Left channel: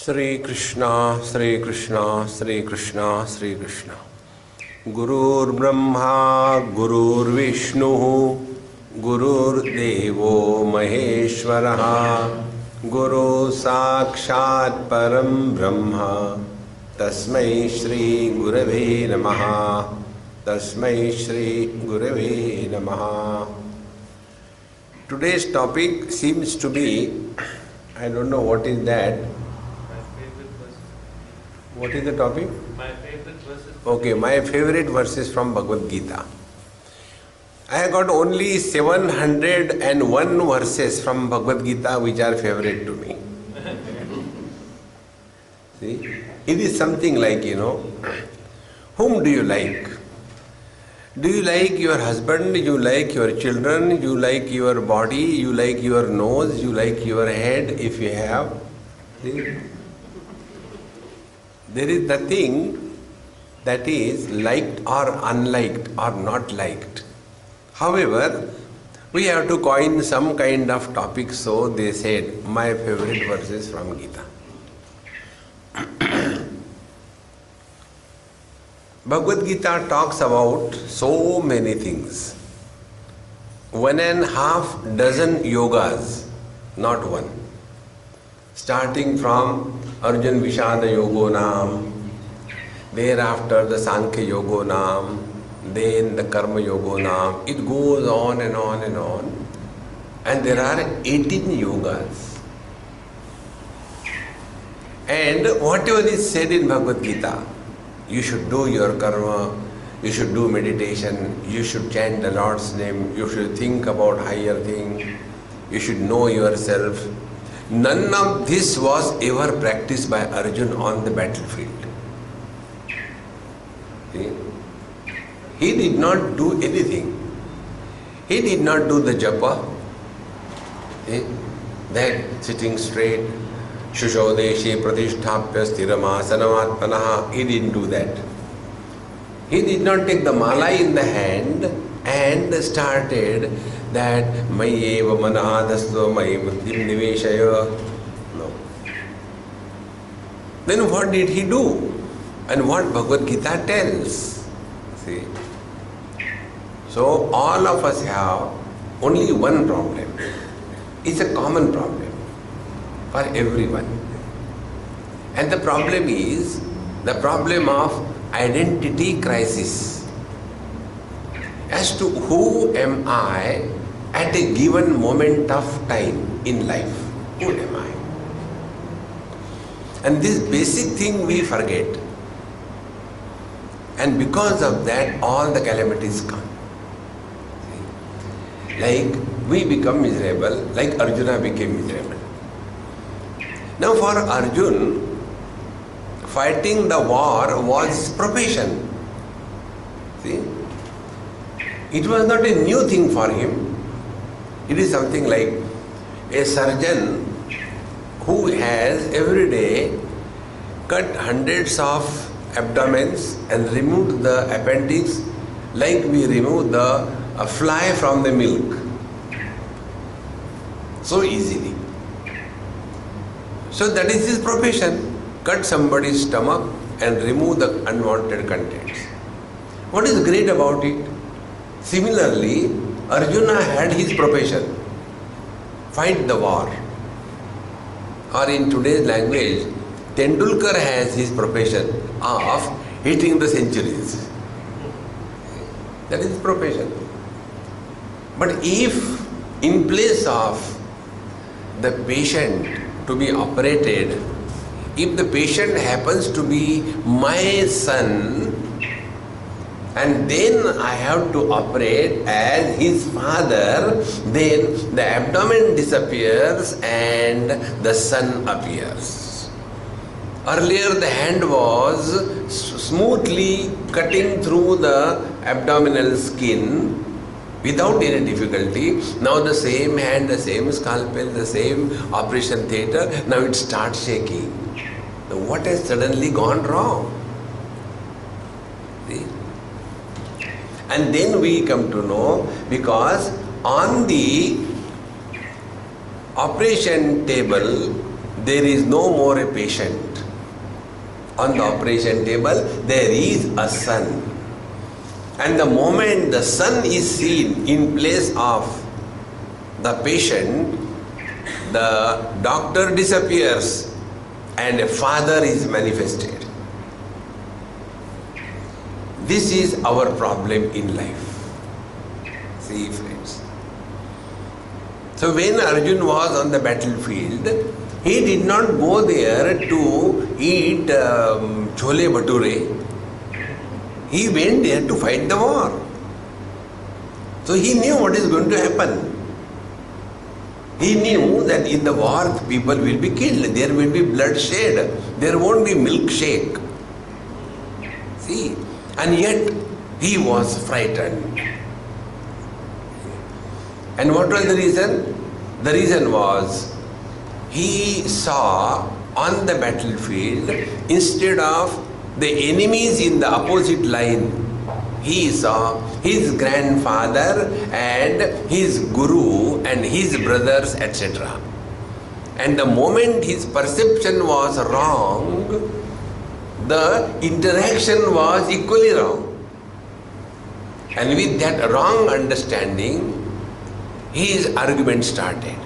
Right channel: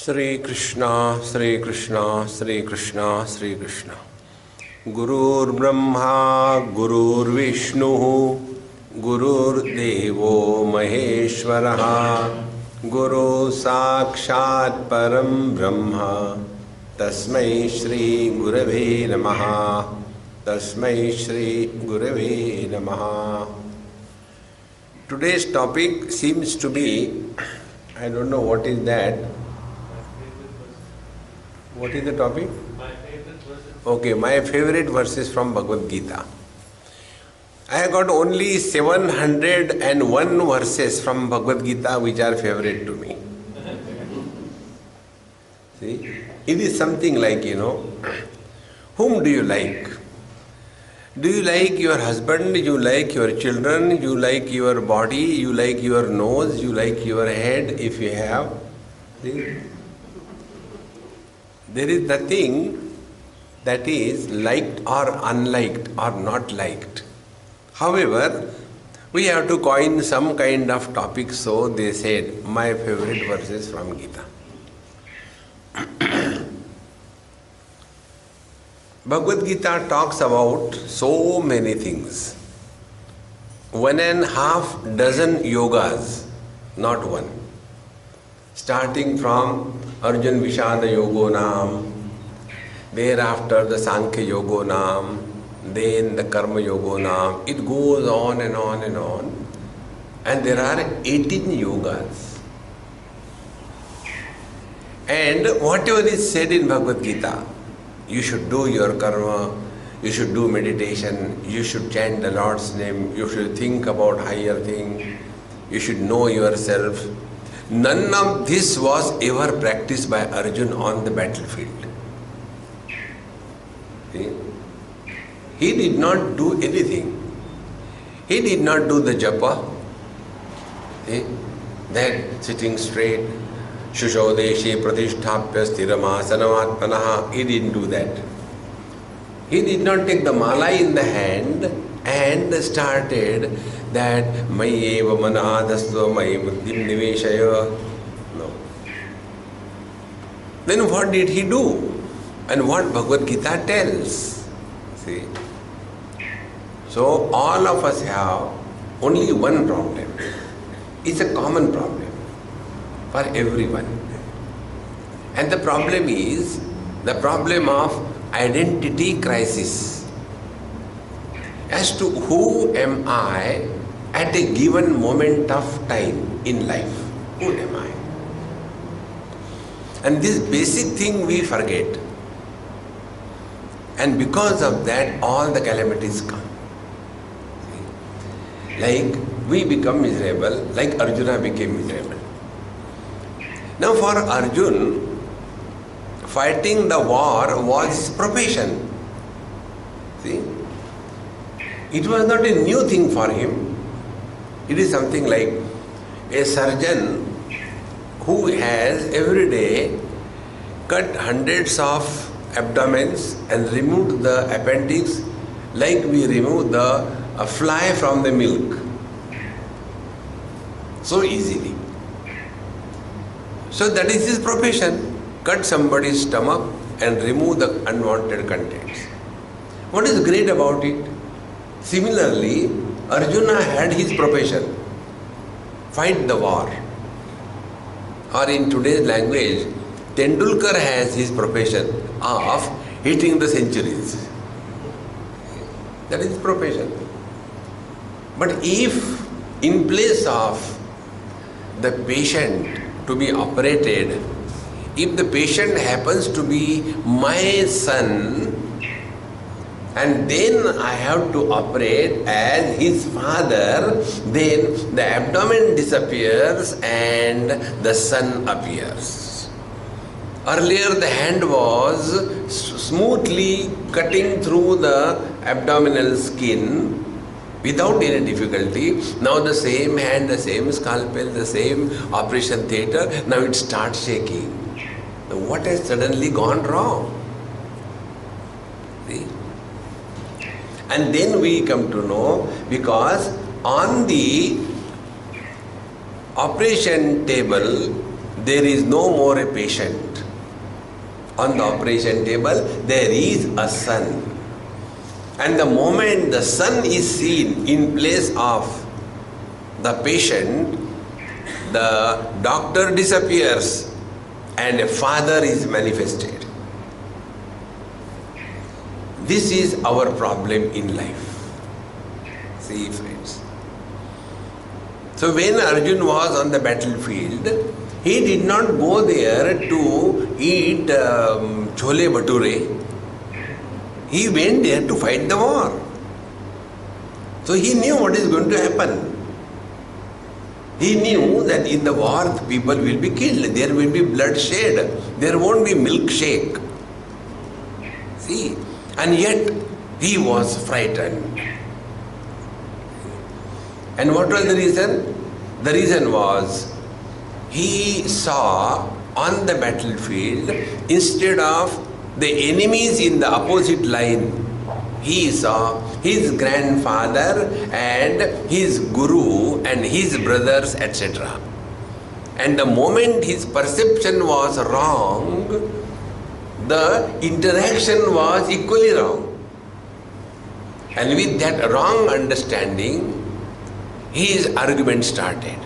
Sri Krishna, Sri Krishna, Sri Krishna, Sri Krishna. Gurur Brahma, Gurur Vishnu, Gurur Devo Maheshwaraha, Guru Sakshat Param Brahma, Tasmai Shri Gurave Namaha, Tasmai Shri Gurave Namaha. Today's topic seems to be, I don't know what is that. What is the topic? My favorite verses. Okay, my favorite verses from Bhagavad Gita. I have got only 701 verses from Bhagavad Gita which are favorite to me. See, it is something like, whom do you like? Do you like your husband? You like your children? You like your body? You like your nose? You like your head if you have? See? There is nothing that is liked or unliked or not liked. However, we have to coin some kind of topic, so they said, my favorite verses from Gita. Bhagavad Gita talks about so many things. 1.5 dozen yogas, not one. Starting from Arjun Vishada Yogo Nam, thereafter the Sankhya Yogo Nam, then the Karma Yogo Nam. It goes on and on and on. And there are 18 yogas. And whatever is said in Bhagavad Gita, you should do your karma, you should do meditation, you should chant the Lord's name, you should think about higher thing, you should know yourself. None of this was ever practiced by Arjun on the battlefield. See? He did not do anything. He did not do the japa. See? That sitting straight, Shushodeshe Pratisthapya Sthiramasanamaatmanaha. He didn't do that. He did not take the mala in the hand and started that Mayeva Manadastvo May Buddhim Niveshaya. No. Then what did he do? And what Bhagavad Gita tells? See? So all of us have only one problem. It's a common problem for everyone. And the problem is the problem of identity crisis. As to who am I at a given moment of time in life? Who am I? And this basic thing we forget. And because of that, all the calamities come. See? Like we become miserable, like Arjuna became miserable. Now for Arjun, fighting the war was his profession. See? It was not a new thing for him. It is something like a surgeon who has every day cut hundreds of abdomens and removed the appendix like we remove the fly from the milk. So easily. So that is his profession. Cut somebody's stomach and remove the unwanted contents. What is great about it? Similarly, Arjuna had his profession, fight the war. Or in today's language, Tendulkar has his profession of hitting the centuries. That is his profession. But if in place of the patient to be operated, if the patient happens to be my son, and then I have to operate as his father, then the abdomen disappears and the son appears. Earlier the hand was smoothly cutting through the abdominal skin without any difficulty. Now the same hand, the same scalpel, the same operation theatre, now it starts shaking. Now what has suddenly gone wrong? See? And then we come to know, because on the operation table there is no more a patient. On the operation table, there is a son. And the moment the son is seen in place of the patient, the doctor disappears and a father is manifested. This is our problem in life. See, friends. So when Arjun was on the battlefield, he did not go there to eat chole bhature. He went there to fight the war. So he knew what is going to happen. He knew that in the war people will be killed, there will be bloodshed, there won't be milkshake. See, and yet he was frightened. And what was the reason? The reason was he saw on the battlefield, instead of the enemies in the opposite line, he saw his grandfather and his guru and his brothers, etc. And the moment his perception was wrong, the interaction was equally wrong. And with that wrong understanding, his argument started.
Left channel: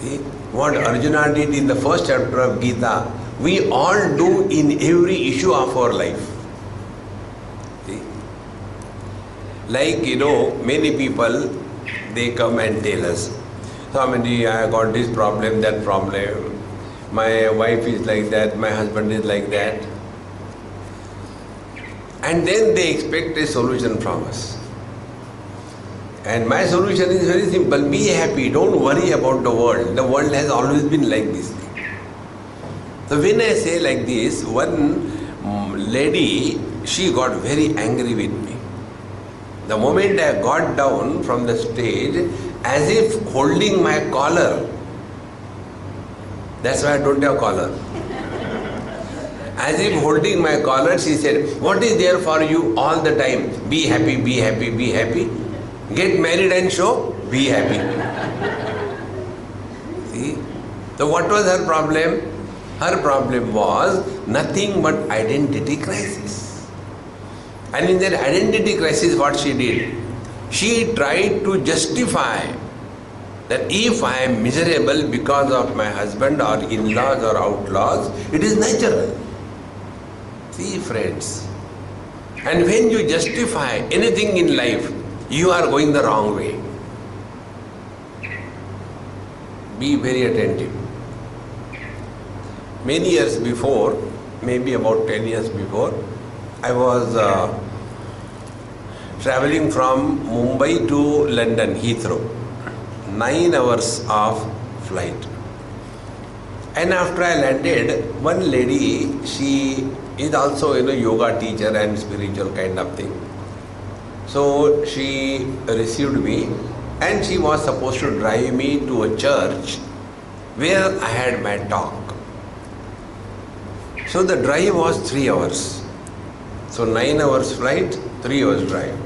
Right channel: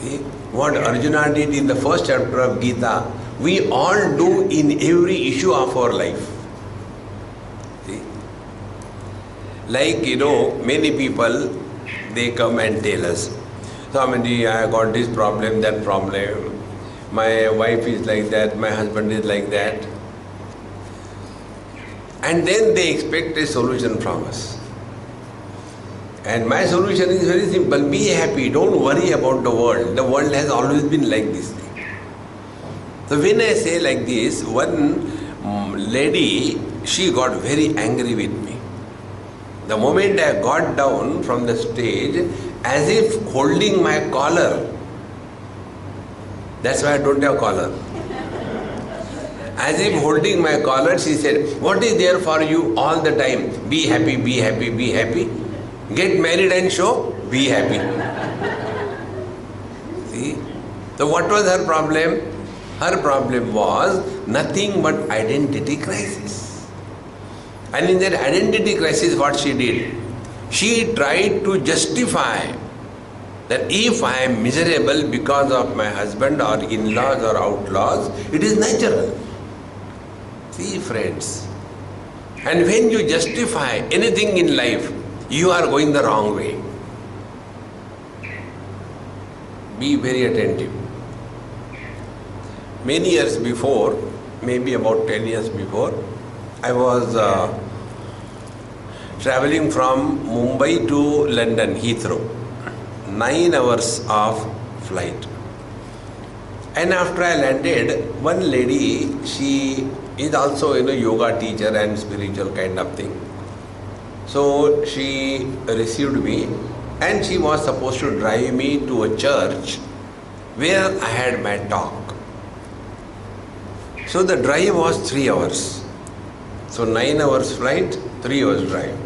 See, what Arjuna did in the first chapter of Gita, we all do in every issue of our life. See? Like, many people, they come and tell us, Swamiji, I got this problem, that problem. My wife is like that, my husband is like that. And then they expect a solution from us. And my solution is very simple. Be happy. Don't worry about the world. The world has always been like this. So when I say like this, one lady, she got very angry with me. The moment I got down from the stage, as if holding my collar. That's why I don't have collar. As if holding my collar, she said, what is there for you all the time? Be happy, be happy, be happy. Get married and show, be happy. See? So what was her problem? Her problem was nothing but identity crisis. And in that identity crisis, what she did? She tried to justify that if I am miserable because of my husband or in-laws or outlaws, it is natural. See, friends. And when you justify anything in life, you are going the wrong way. Be very attentive. Many years before, maybe about 10 years before, I was traveling from Mumbai to London, Heathrow. 9 hours of flight. And after I landed, one lady, she is also yoga teacher and spiritual kind of thing. So she received me and she was supposed to drive me to a church where I had my talk. So the drive was 3 hours. So 9 hours flight, 3 hours drive.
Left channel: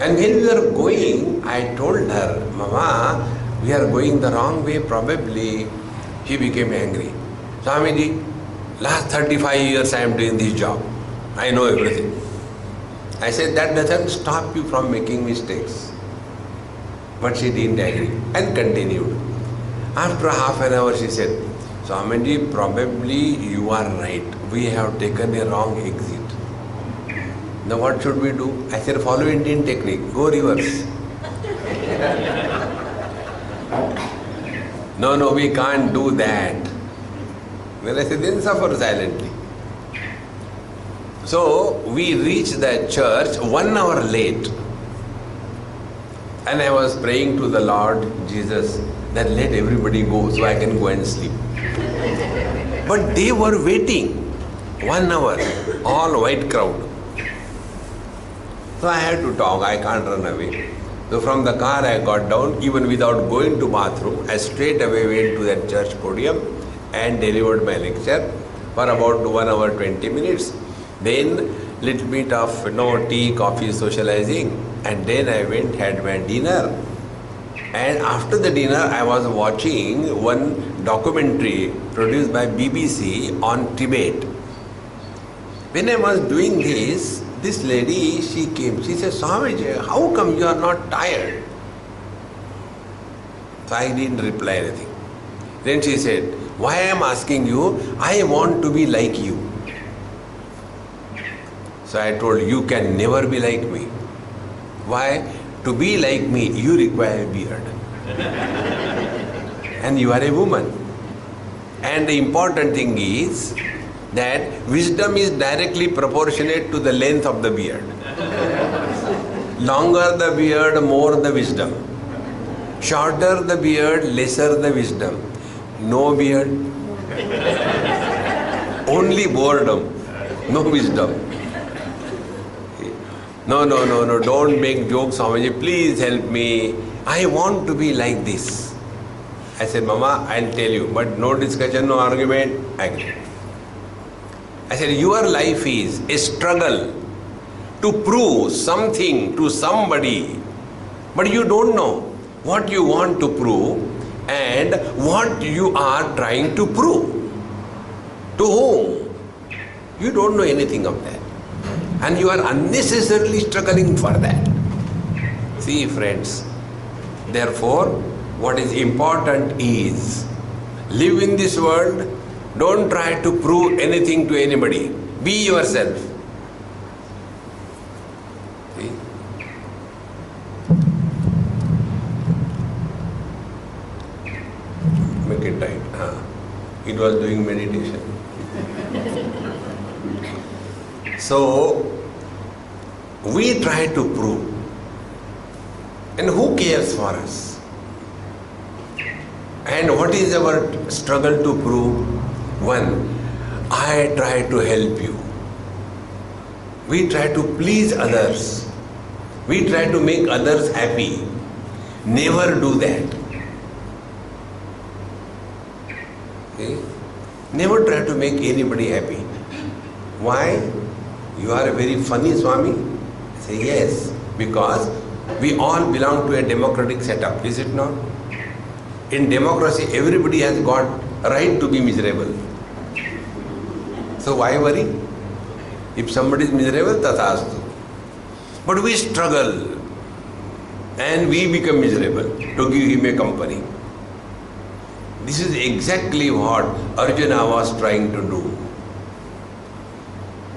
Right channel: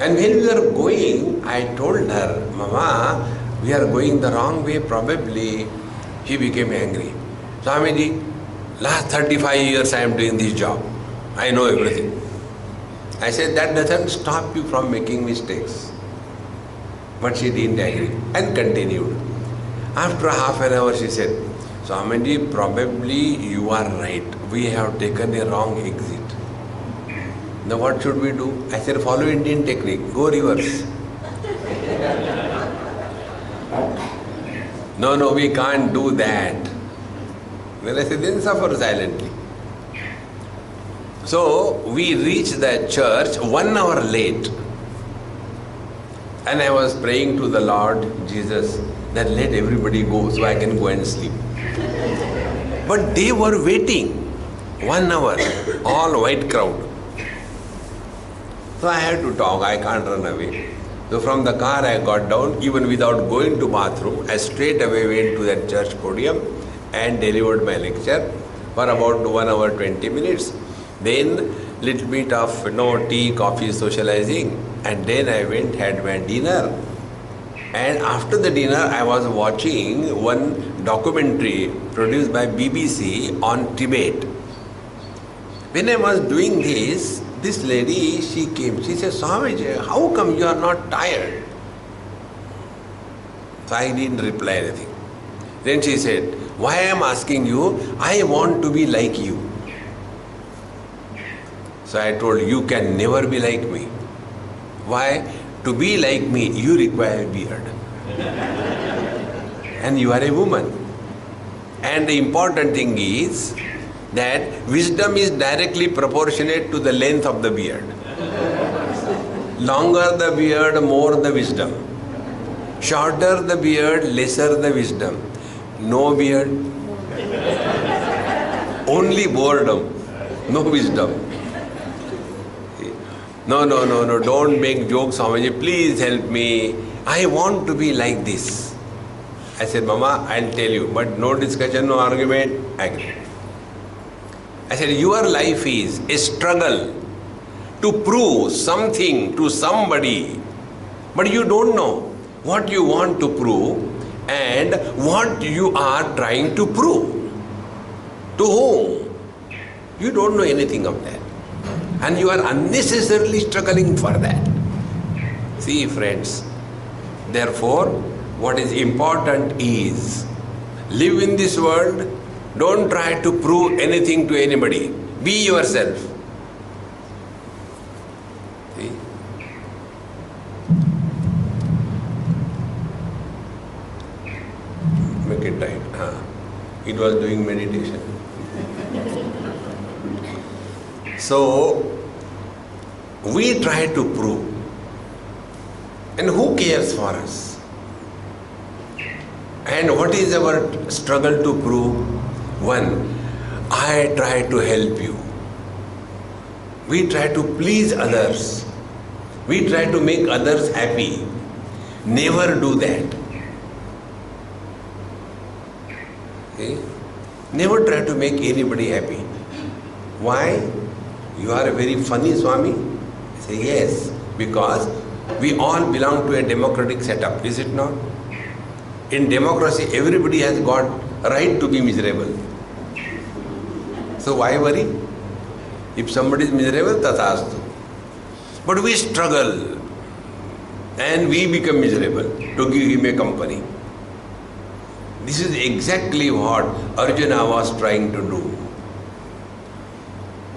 And when we were going, I told her, Mama, we are going the wrong way probably. She became angry. Swamiji, last 35 years I am doing this job. I know everything. I said, that doesn't stop you from making mistakes. But she didn't agree and continued. After half an hour she said, Swamiji, probably you are right. We have taken a wrong exit. Now what should we do? I said, follow Indian technique. Go reverse. No, we can't do that. Then I said, then suffer silently. So we reached the church 1 hour late. And I was praying to the Lord Jesus that let everybody go so I can go and sleep. But they were waiting 1 hour, all white crowd. So I had to talk, I can't run away. So from the car I got down, even without going to bathroom, I straight away went to that church podium and delivered my lecture for about 1 hour 20 minutes. Then little bit of tea, coffee, socializing, and then I went, had my dinner. And after the dinner, I was watching one documentary produced by BBC on Tibet. When I was doing this lady, she came. She said, Swamiji, how come you are not tired? So I didn't reply anything. Then she said, why I am asking you? I want to be like you. So I told, you can never be like me. Why? To be like me, you require a beard. And you are a woman. And the important thing is that wisdom is directly proportionate to the length of the beard. Longer the beard, more the wisdom. Shorter the beard, lesser the wisdom. No beard, only boredom, no wisdom. No, don't make jokes, Swamiji, please help me. I want to be like this. I said, Mama, I'll tell you, but no discussion, no argument. Agree. I said, your life is a struggle to prove something to somebody, but you don't know what you want to prove and what you are trying to prove. To whom? You don't know anything of that. And you are unnecessarily struggling for that. See, friends, therefore, what is important is live in this world. Don't try to prove anything to anybody. Be yourself. See? Make it tight. It was doing meditation. So, we try to prove. And who cares for us? And what is our struggle to prove? One, I try to help you. We try to please others. We try to make others happy. Never do that. Okay? Never try to make anybody happy. Why? You are a very funny Swami? I say, yes, because we all belong to a democratic setup, is it not? In democracy, everybody has got a right to be miserable. So why worry? If somebody is miserable, tathastu. But we struggle and we become miserable to give him a company. This is exactly what Arjuna was trying to do.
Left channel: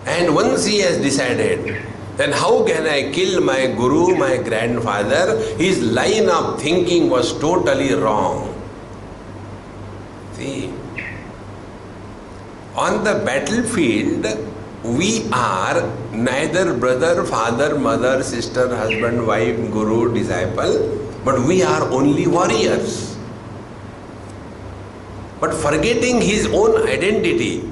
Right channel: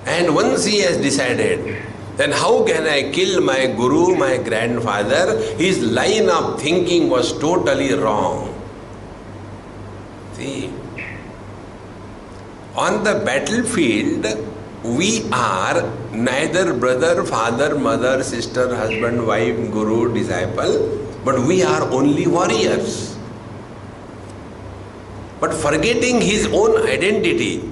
And once he has decided, then how can I kill my guru, my grandfather? His line of thinking was totally wrong. See, on the battlefield, we are neither brother, father, mother, sister, husband, wife, guru, disciple, but we are only warriors. But forgetting his own identity,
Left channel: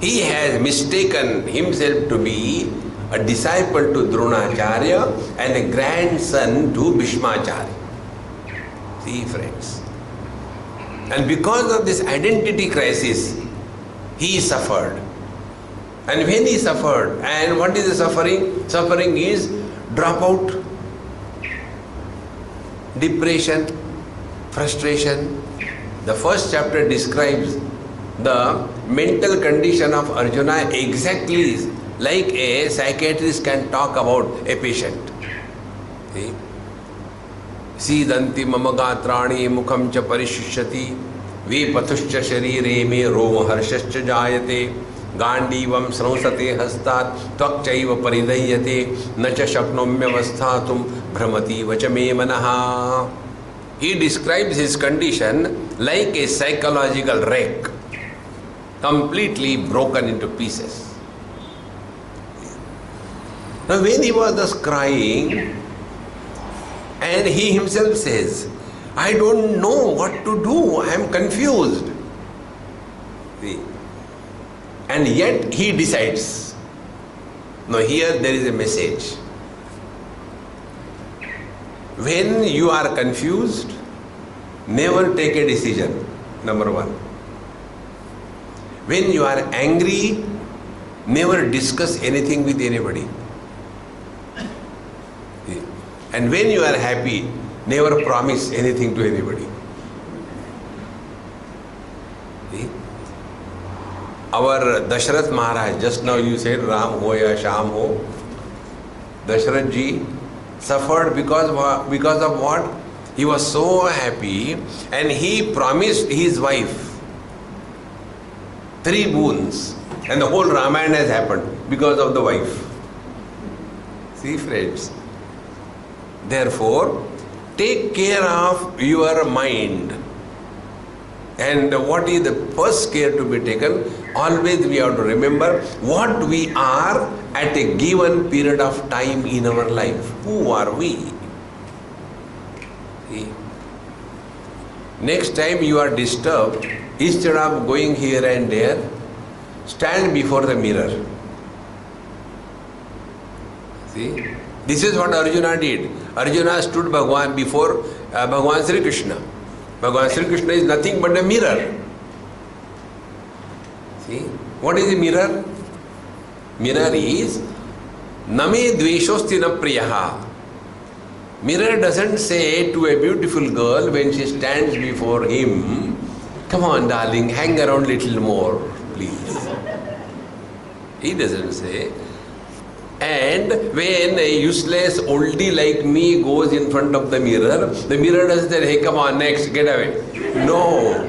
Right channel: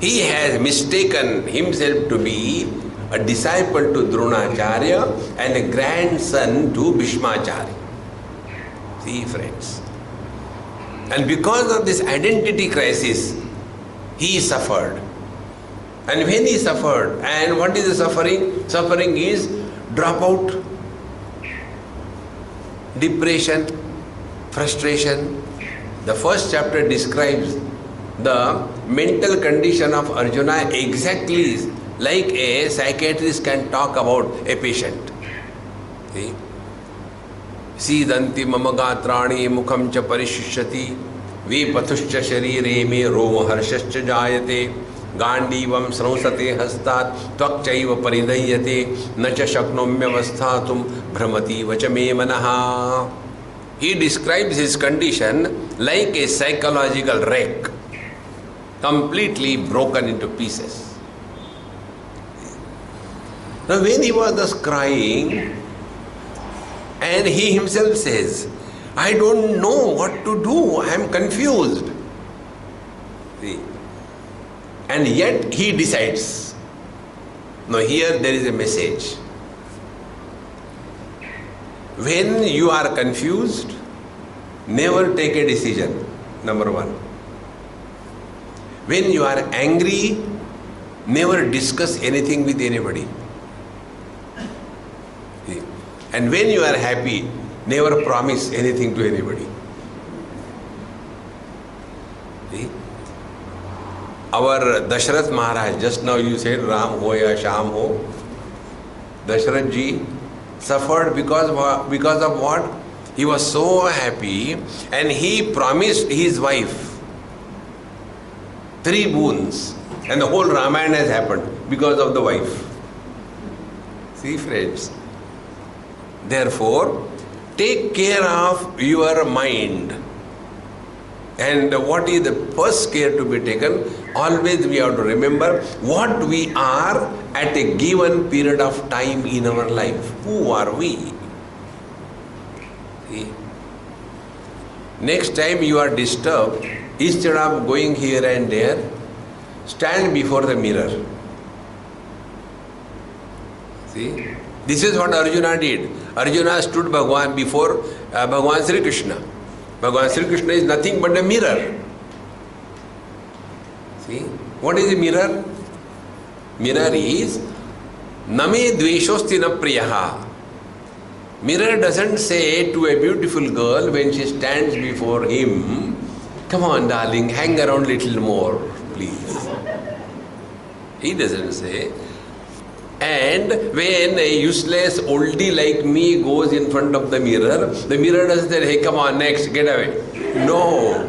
he has mistaken himself to be a disciple to Dronacharya and a grandson to Bhishmacharya. See, friends. And because of this identity crisis, he suffered. And when he suffered, and what is the suffering? Suffering is dropout, depression, frustration. The first chapter describes the mental condition of Arjuna exactly like a psychiatrist can talk about a patient. See? Sidanti mama gatrani mukham cha parishishyati vipatushcha sharire me roma harshascha jayate gandivam srausate hastat tvakchaiva paridayate nacha shaknomyavasthatum bhramati vacha me manaha. He describes his condition like a psychological wreck, completely broken into pieces. Now when he was thus crying, and he himself says, I don't know what to do, I am confused. See? And yet he decides. Now here there is a message. When you are confused, never take a decision, number one. When you are angry, never discuss anything with anybody. And when you are happy, never promise anything to anybody. See? Our Dasharath Maharaj, just now you said Ram ho ya Sham ho. Dasharath ji suffered because of what? He was so happy and he promised his wife 3 boons, and the whole Ramayana has happened because of the wife. See, friends, therefore take care of your mind. And what is the first care to be taken? Always we have to remember what we are at a given period of time in our life. Who are we? See? Next time you are disturbed, instead of going here and there, stand before the mirror. See? This is what Arjuna did. Arjuna stood before Bhagavan Sri Krishna. Bhagavan Sri Krishna is nothing but a mirror. See? What is a mirror? Mirror is Name dveshosti na priyaha. Mirror doesn't say to a beautiful girl when she stands before him, come on darling, hang around little more, please. He doesn't say. And when a useless oldie like me goes in front of the mirror doesn't say, hey, come on, next, get away. No.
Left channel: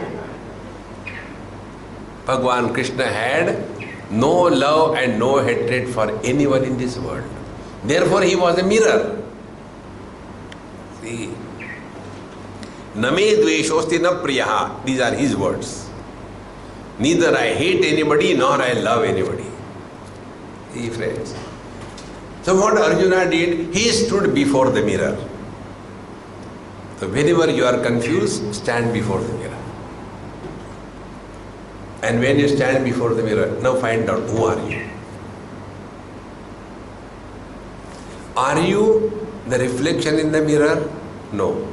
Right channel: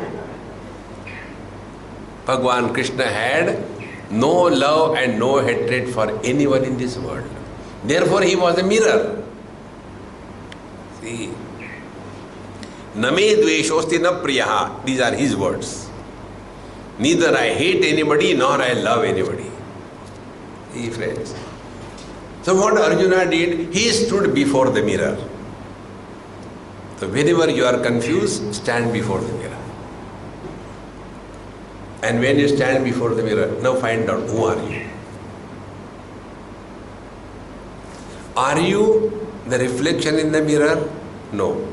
Bhagavan Krishna had no love and no hatred for anyone in this world. Therefore, he was a mirror. See? Name dveshosti na priyaha. These are his words. Neither I hate anybody nor I love anybody. See, friends. So what Arjuna did, he stood before the mirror. So whenever you are confused, stand before the mirror. And when you stand before the mirror, now find out who are you. Are you the reflection in the mirror? No.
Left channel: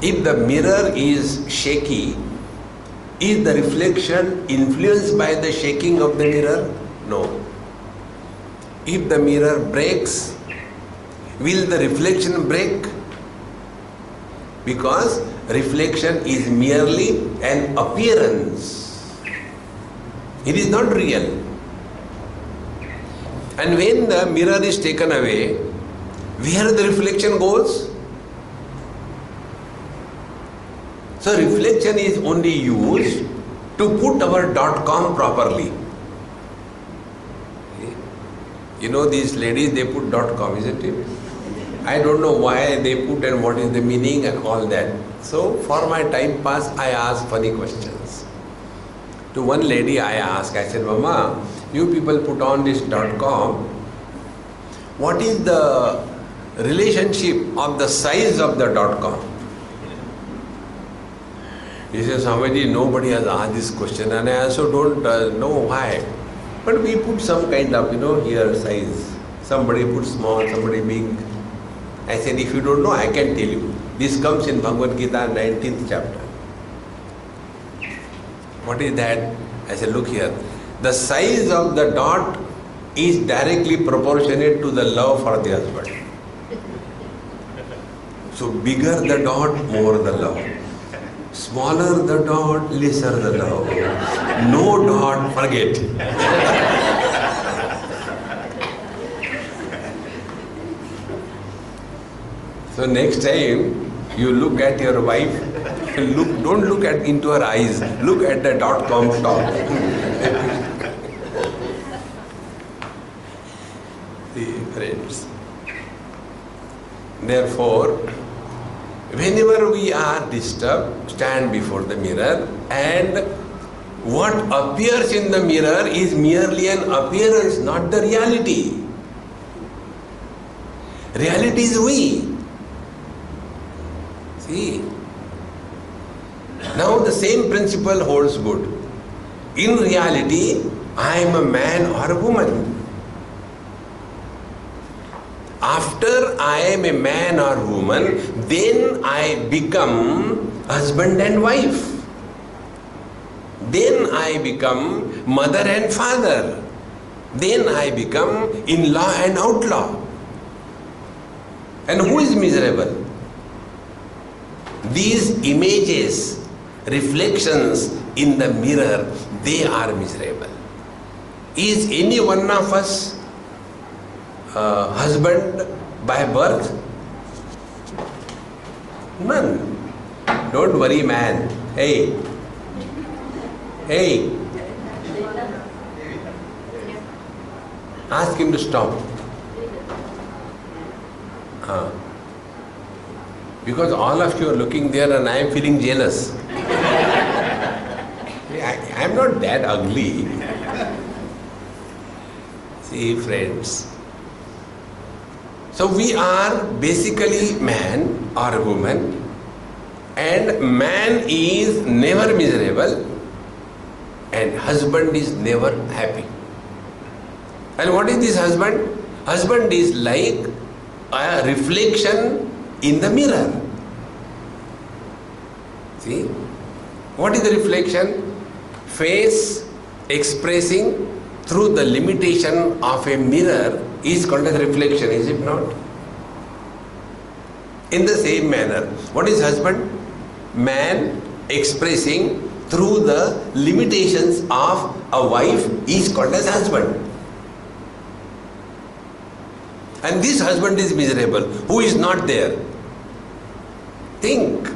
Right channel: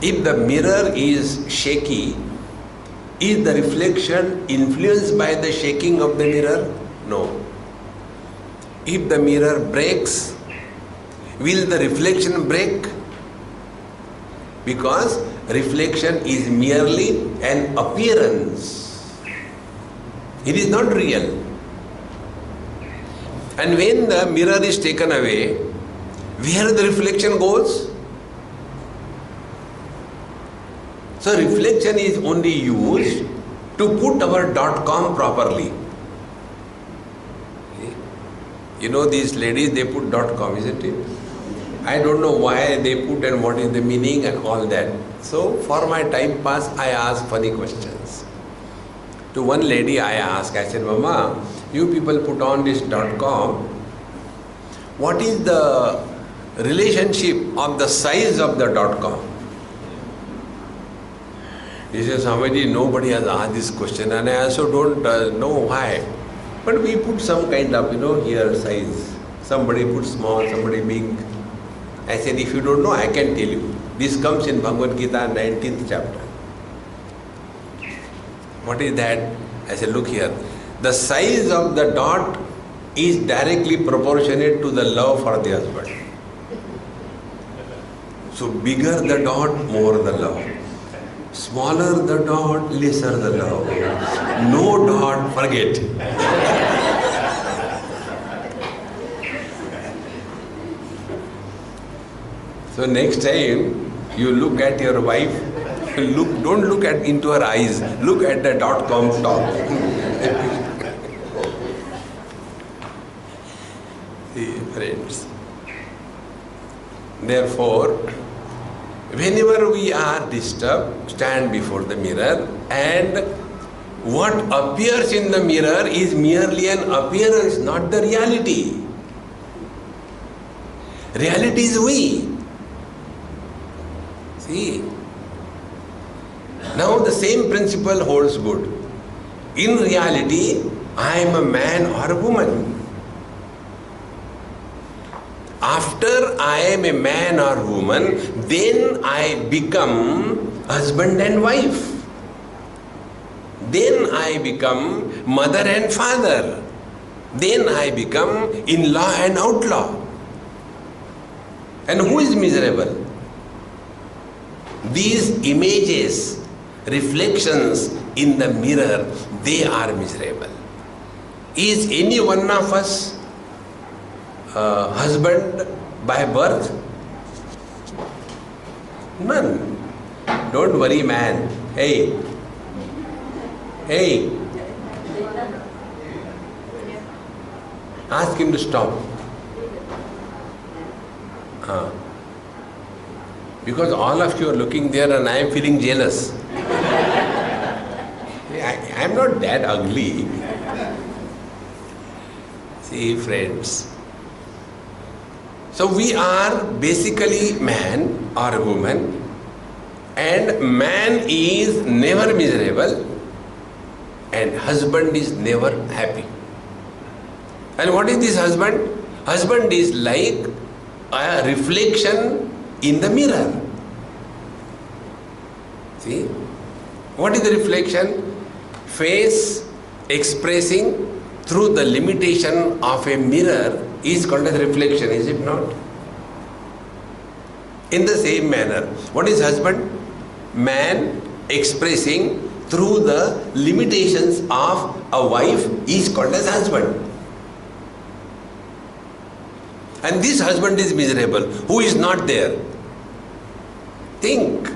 If the mirror is shaky, is the reflection influenced by the shaking of the mirror? No. If the mirror breaks, will the reflection break? Because reflection is merely an appearance. It is not real. And when the mirror is taken away, where the reflection goes? So reflection is only used to put our .com properly. You know these ladies, they put .com, isn't it? I don't know why they put and what is the meaning and all that. So for my time pass, I ask funny questions. To one lady I asked, I said, Mama, you people put on this .com. What is the relationship of the size of the .com? He says, Swamiji, nobody has asked this question and I also don't know why. But we put some kind of, here size. Somebody put small, somebody big. I said, if you don't know, I can tell you. This comes in Bhagavad Gita, 19th chapter. What is that? I said, look here. The size of the dot is directly proportionate to the love for the husband. So bigger the dot, more the love. Smaller the dot, lesser the love. No dot, forget. So next time you look at your wife, don't look into her eyes, look at the .com top. See, friends. Therefore, whenever we are disturbed, stand before the mirror, and what appears in the mirror is merely an appearance, not the reality. Reality is we. See, now the same principle holds good. In reality, I am a man or a woman. After I am a man or woman, then I become husband and wife. Then I become mother and father. Then I become in-law and outlaw. And who is miserable? These images, reflections in the mirror, they are miserable. Is any one of us husband by birth? None. Don't worry, man. Hey. Ask him to stop. Because all of you are looking there and I am feeling jealous. I am not that ugly. See, friends. So we are basically man or woman, and man is never miserable and husband is never happy. And what is this husband? Husband is like a reflection in the mirror. See? What is the reflection? Face expressing through the limitation of a mirror is called as reflection, is it not? In the same manner, what is husband? Man expressing through the limitations of a wife is called as husband. And this husband is miserable. Who is not there? Think.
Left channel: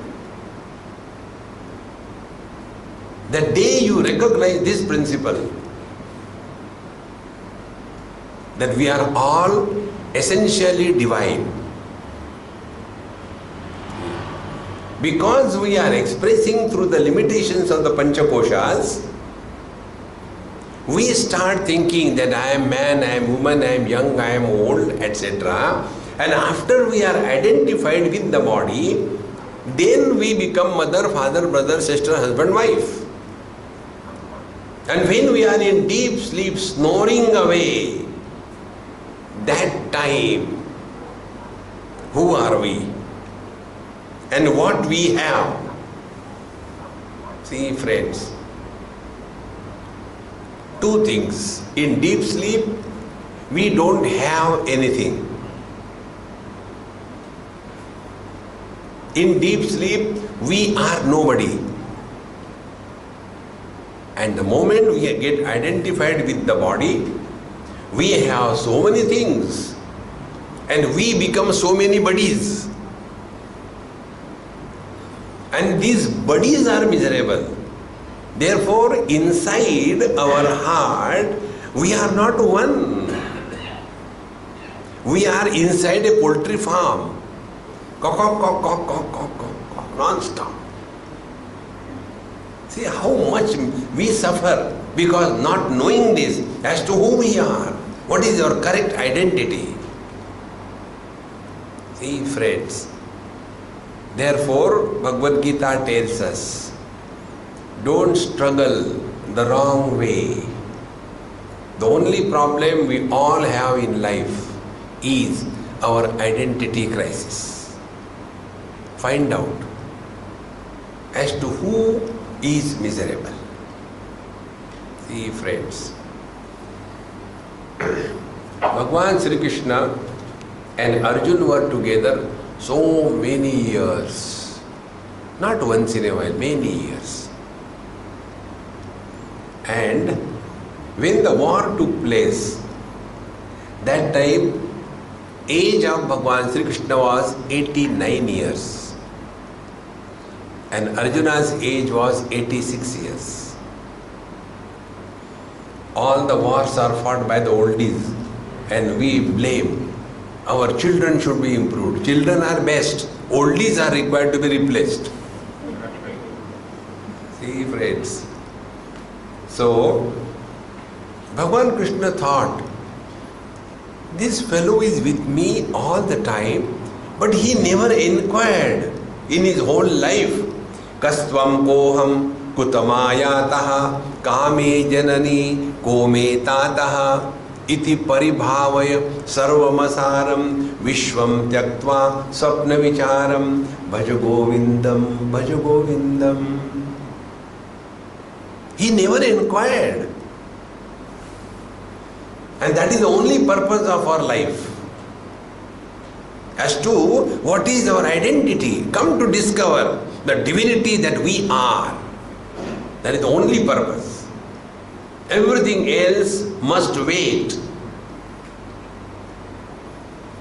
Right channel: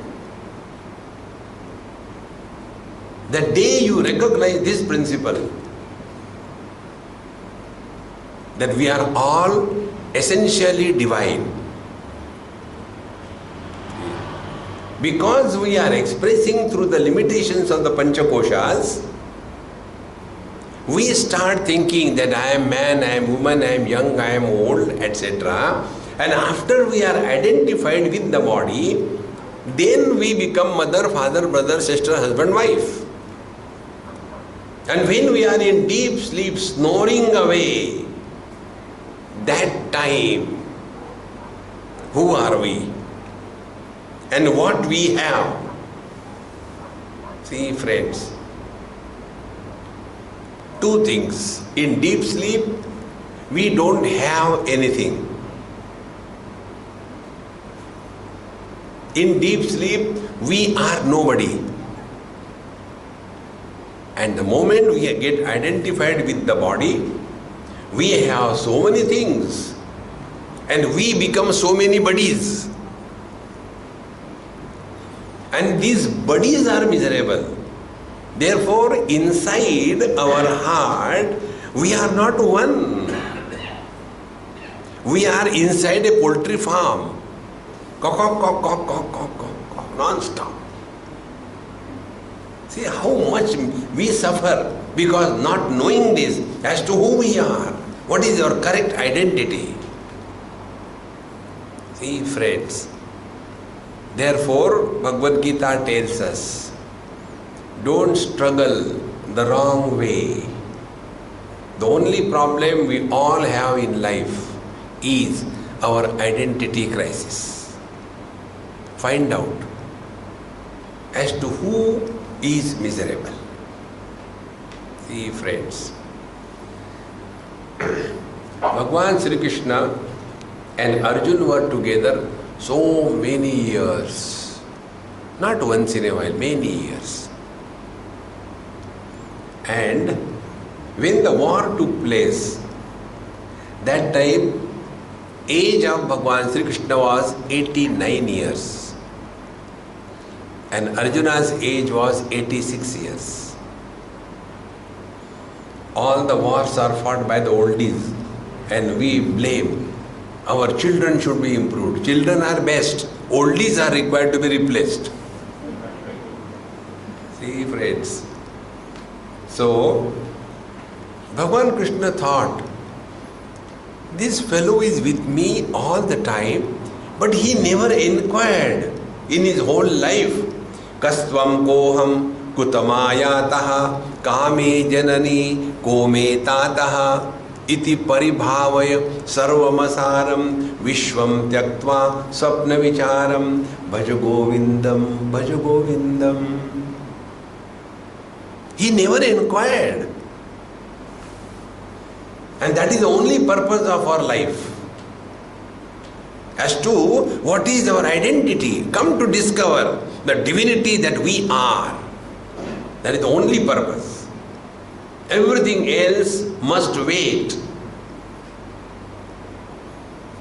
The day you recognize this principle, that we are all essentially divine, because we are expressing through the limitations of the Panchakoshas, we start thinking that I am man, I am woman, I am young, I am old, etc. And after we are identified with the body, then we become mother, father, brother, sister, husband, wife. And when we are in deep sleep, snoring away, that time, who are we? And what we have? See, friends, two things. In deep sleep, we don't have anything. In deep sleep, we are nobody. And the moment we get identified with the body, we have so many things. And we become so many buddies. And these buddies are miserable. Therefore, inside our heart, we are not one. We are inside a poultry farm. Cock, cock, cock, cock, cock, cock, cock, cock, non-stop. See how much we suffer because not knowing this as to who we are. What is your correct identity? See, friends. Therefore, Bhagavad Gita tells us, don't struggle the wrong way. The only problem we all have in life is our identity crisis. Find out as to who is miserable. See, friends, Bhagwan Sri Krishna and Arjuna were together so many years. Not once in a while, many years. And when the war took place, that time age of Bhagwan Sri Krishna was 89 years. And Arjuna's age was 86 years. All the wars are fought by the oldies, and we blame. Our children should be improved. Children are best. Oldies are required to be replaced. See, friends. So, Bhagwan Krishna thought, this fellow is with me all the time, but he never inquired in his whole life. Kastvam koham kutamaya kame janani kome tataha iti paribhavaya sarvamasaram vishvam tyaktva sapna vicharam bhaja govindam. He never inquired. And that is the only purpose of our life. as to what is our identity. Come to discover the divinity that we are. That is the only purpose. Everything else must wait.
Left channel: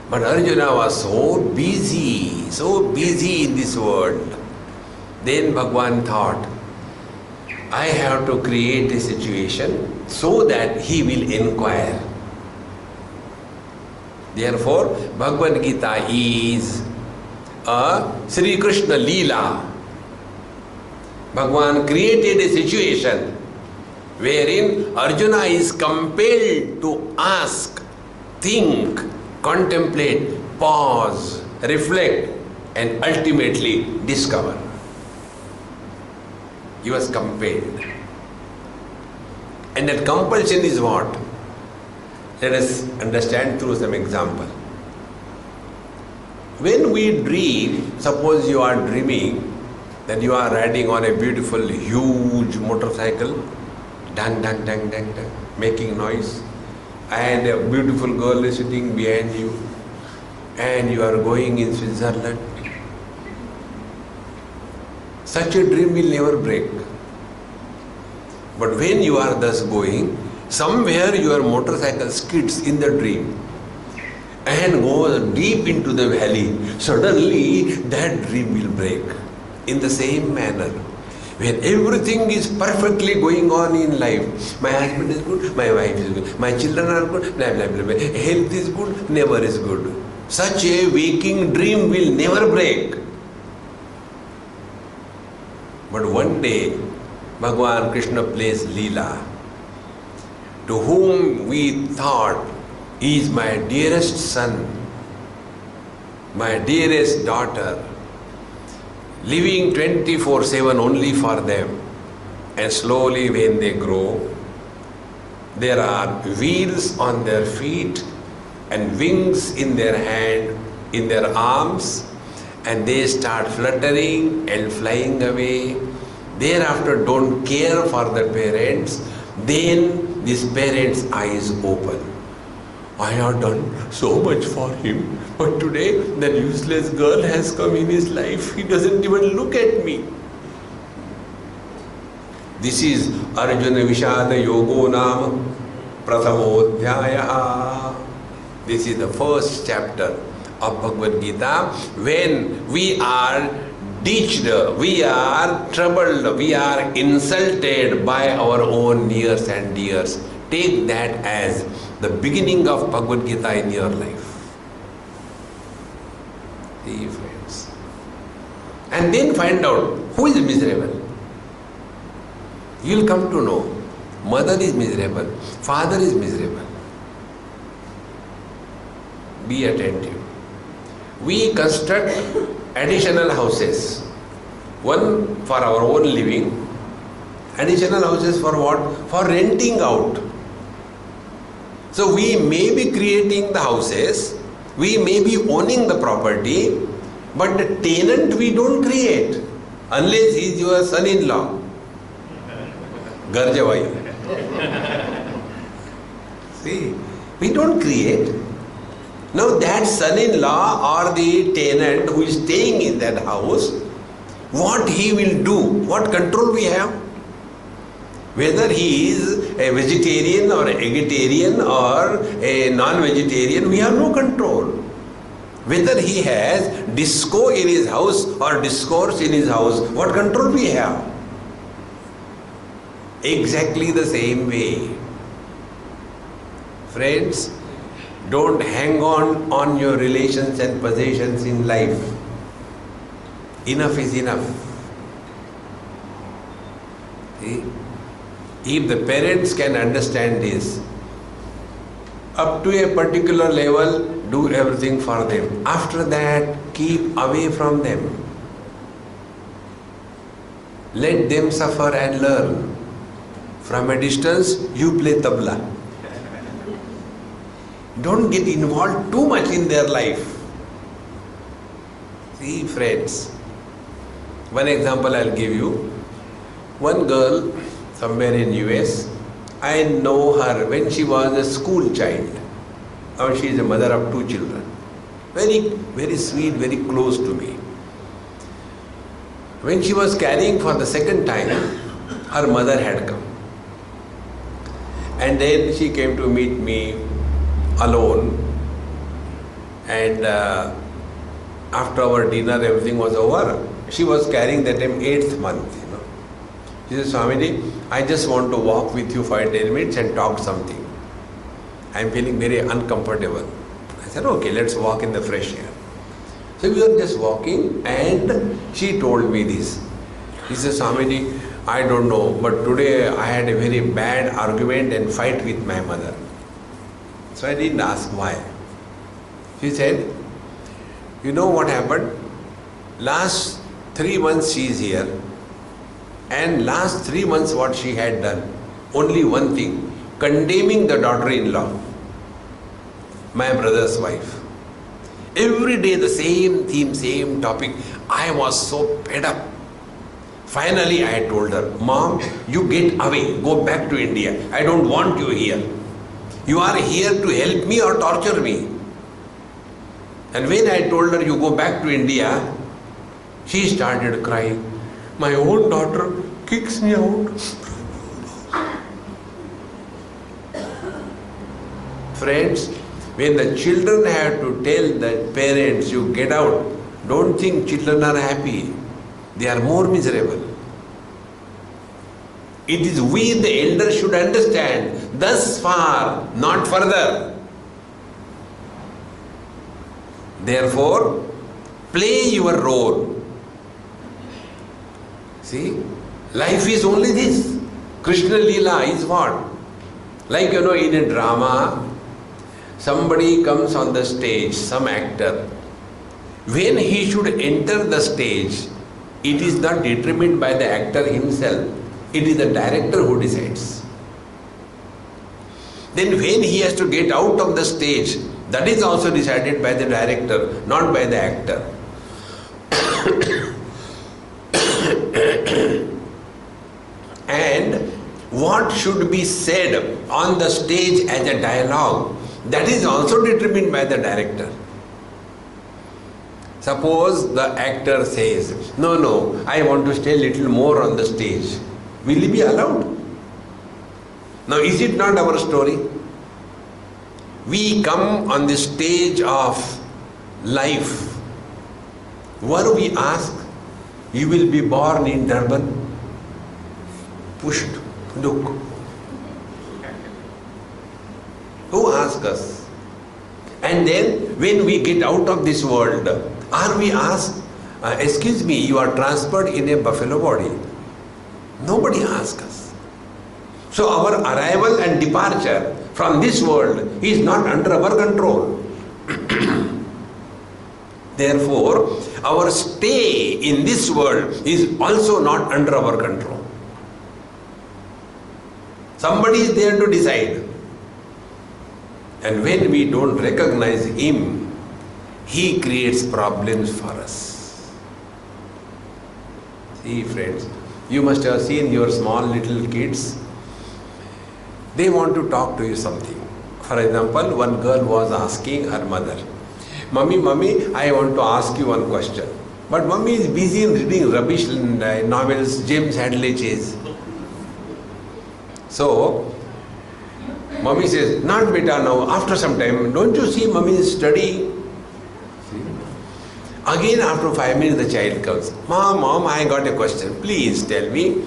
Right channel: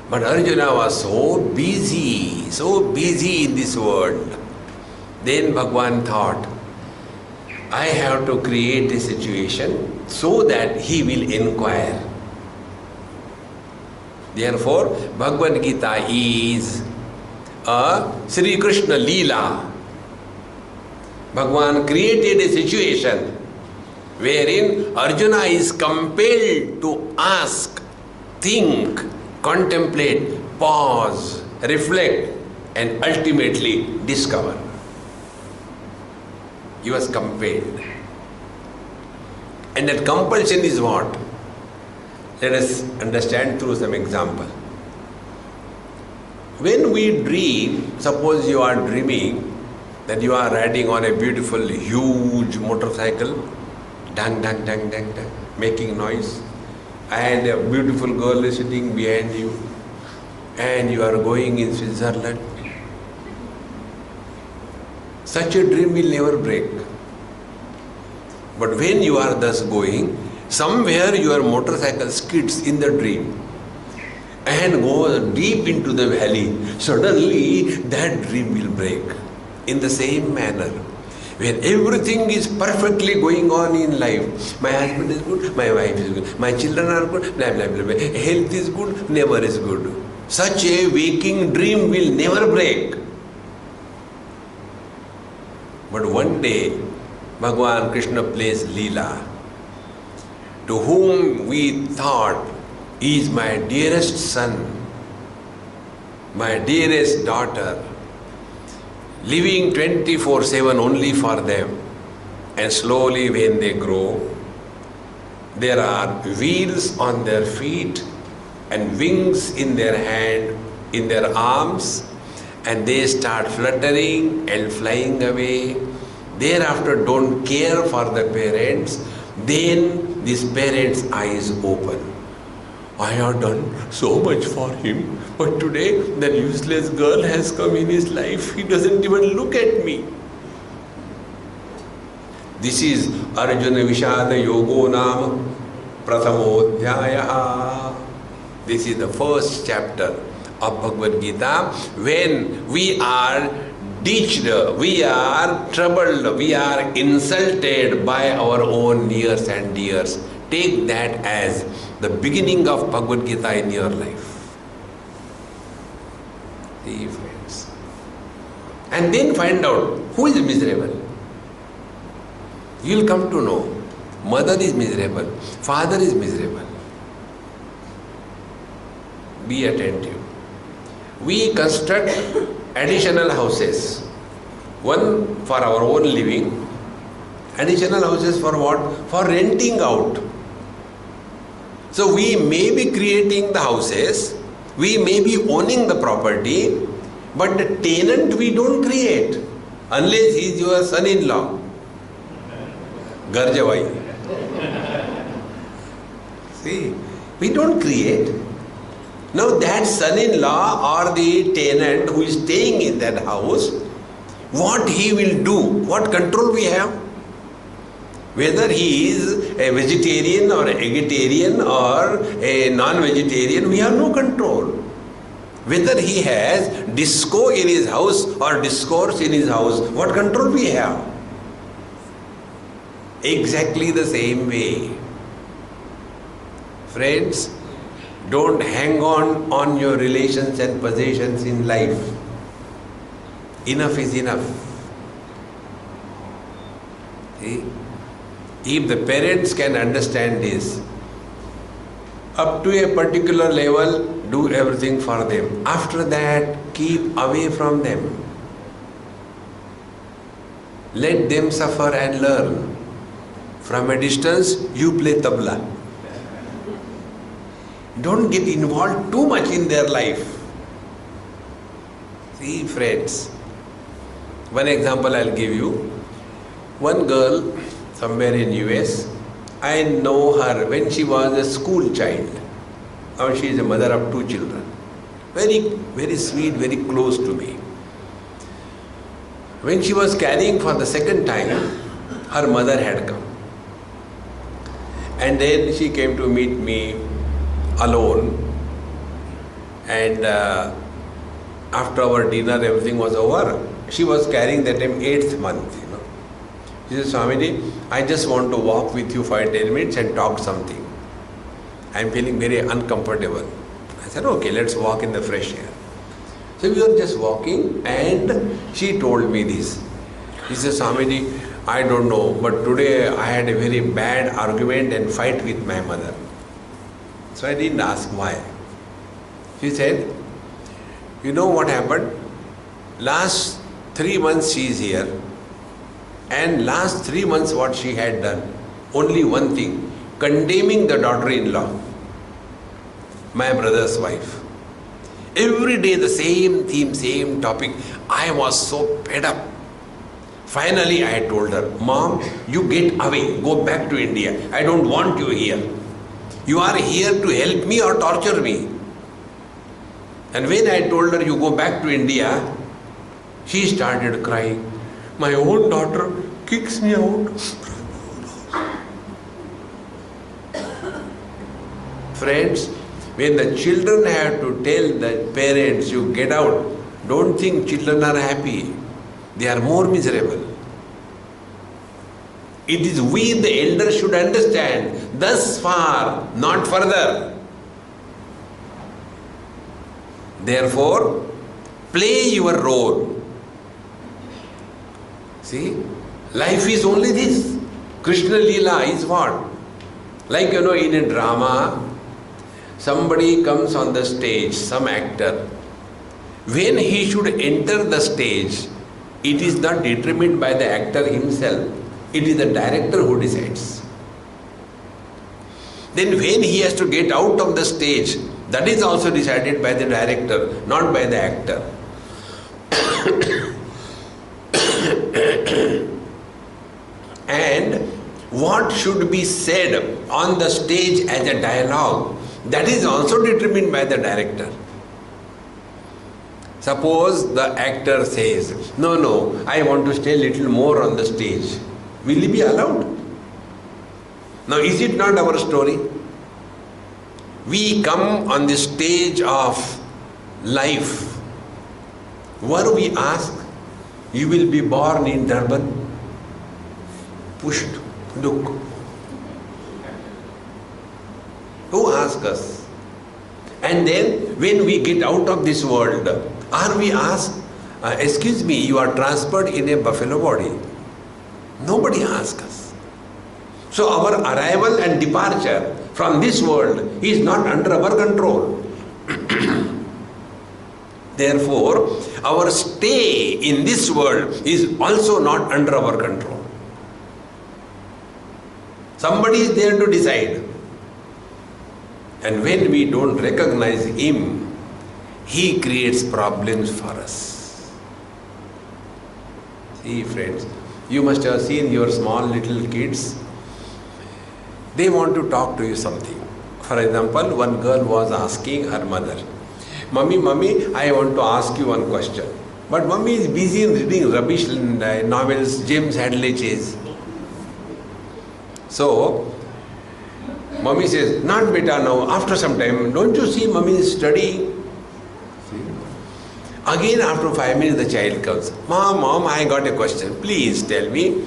But Arjuna was so busy in this world. Then Bhagwan thought, I have to create a situation so that he will inquire. Therefore, Bhagavad Gita is a Sri Krishna Leela. Bhagwan created a situation wherein Arjuna is compelled to ask, think, contemplate, pause, reflect, and ultimately discover. He was compelled. And that compulsion is what? Let us understand through some example. When we dream, suppose you are dreaming that you are riding on a beautiful, huge motorcycle, dang, dang, dang, dang, dang, making noise, and a beautiful girl is sitting behind you, and you are going in Switzerland. Such a dream will never break. But when you are thus going, somewhere your motorcycle skids in the dream and goes deep into the valley. Suddenly that dream will break. In the same manner, when everything is perfectly going on in life, my husband is good, my wife is good, my children are good, blah, blah, blah, blah. Health is good, neighbor is good. Such a waking dream will never break. But one day, Bhagwan Krishna plays Leela. To whom we thought is my dearest son, my dearest daughter, living 24/7 only for them. And slowly when they grow, there are wheels on their feet and wings in their hand, in their arms, and they start fluttering and flying away. Thereafter don't care for the parents. Then this parent's eyes open. I have done so much for him, but today that useless girl has come in his life. He doesn't even look at me. This is Arjuna Vishada Yogo Nama Prathamodhyaya. This is the first chapter of Bhagavad Gita. When we are ditched, we are troubled, we are insulted by our own nears and dears, take that as the beginning of Bhagavad Gita in your life. See, friends. And then find out who is miserable. You will come to know. Mother is miserable, father is miserable. Be attentive. We construct additional houses. One for our own living. Additional houses for what? For renting out. So we may be creating the houses, we may be owning the property, but the tenant we don't create unless he is your son-in-law. Garjavai. See, we don't create. Now that son-in-law or the tenant who is staying in that house, what he will do, what control we have? Whether he is a vegetarian or a vegetarian or a non-vegetarian, we have no control. Whether he has disco in his house or discourse in his house, what control we have? Exactly the same way. Friends, don't hang on your relations and possessions in life. Enough is enough. See? If the parents can understand this, up to a particular level, do everything for them. After that, keep away from them. Let them suffer and learn. From a distance, you play tabla. Don't get involved too much in their life. See, friends, one example I'll give you. One girl somewhere in US, I know her when she was a school child. Now she is a mother of 2 children. Very, very sweet, very close to me. When she was carrying for the second time, her mother had come. And then she came to meet me alone. And after our dinner, everything was over. She was carrying that time 8th month, you know. She said, Swamiji, I just want to walk with you for 10 minutes and talk something. I am feeling very uncomfortable. I said, okay, let's walk in the fresh air. So we were just walking and she told me this. She said, Swamiji, I don't know, but today I had a very bad argument and fight with my mother. So I didn't ask why. She said, you know what happened? Last 3 months she is here, and last 3 months what she had done? Only one thing, condemning the daughter-in-law, my brother's wife. Every day the same theme, same topic. I was so fed up. Finally I told her, Mom, you get away, go back to India. I don't want you here. You are here to help me or torture me. And when I told her, you go back to India, she started crying. My own daughter kicks me out. Friends, when the children have to tell the parents, you get out, don't think children are happy. They are more miserable. It is we, the elders, should understand, thus far, not further. Therefore, play your role. See, life is only this. Krishna Leela is what? Like, you know, in a drama, somebody comes on the stage, some actor. When he should enter the stage, it is not determined by the actor himself. It is the director who decides. Then when he has to get out of the stage, that is also decided by the director, not by the actor. And what should be said on the stage as a dialogue, that is also determined by the director. Suppose the actor says, no, I want to stay a little more on the stage. Will he be allowed? Now, is it not our story? We come on the stage of life. Were we asked, you will be born in Durban? Pushed. Look. Who asked us? And then when we get out of this world, are we asked, excuse me, you are transferred in a buffalo body? Nobody asks us. So our arrival and departure from this world is not under our control. Therefore, our stay in this world is also not under our control. Somebody is there to decide. And when we don't recognize him, he creates problems for us. See, friends, you must have seen your small little kids. They want to talk to you something. For example, one girl was asking her mother, Mummy, I want to ask you one question. But Mummy is busy in reading rubbish novels, James Hadley Chase. So, Mummy says, not beta now, after some time, don't you see Mummy is studying? See? Again after 5 minutes the child comes, Mom, I got a question, please tell me.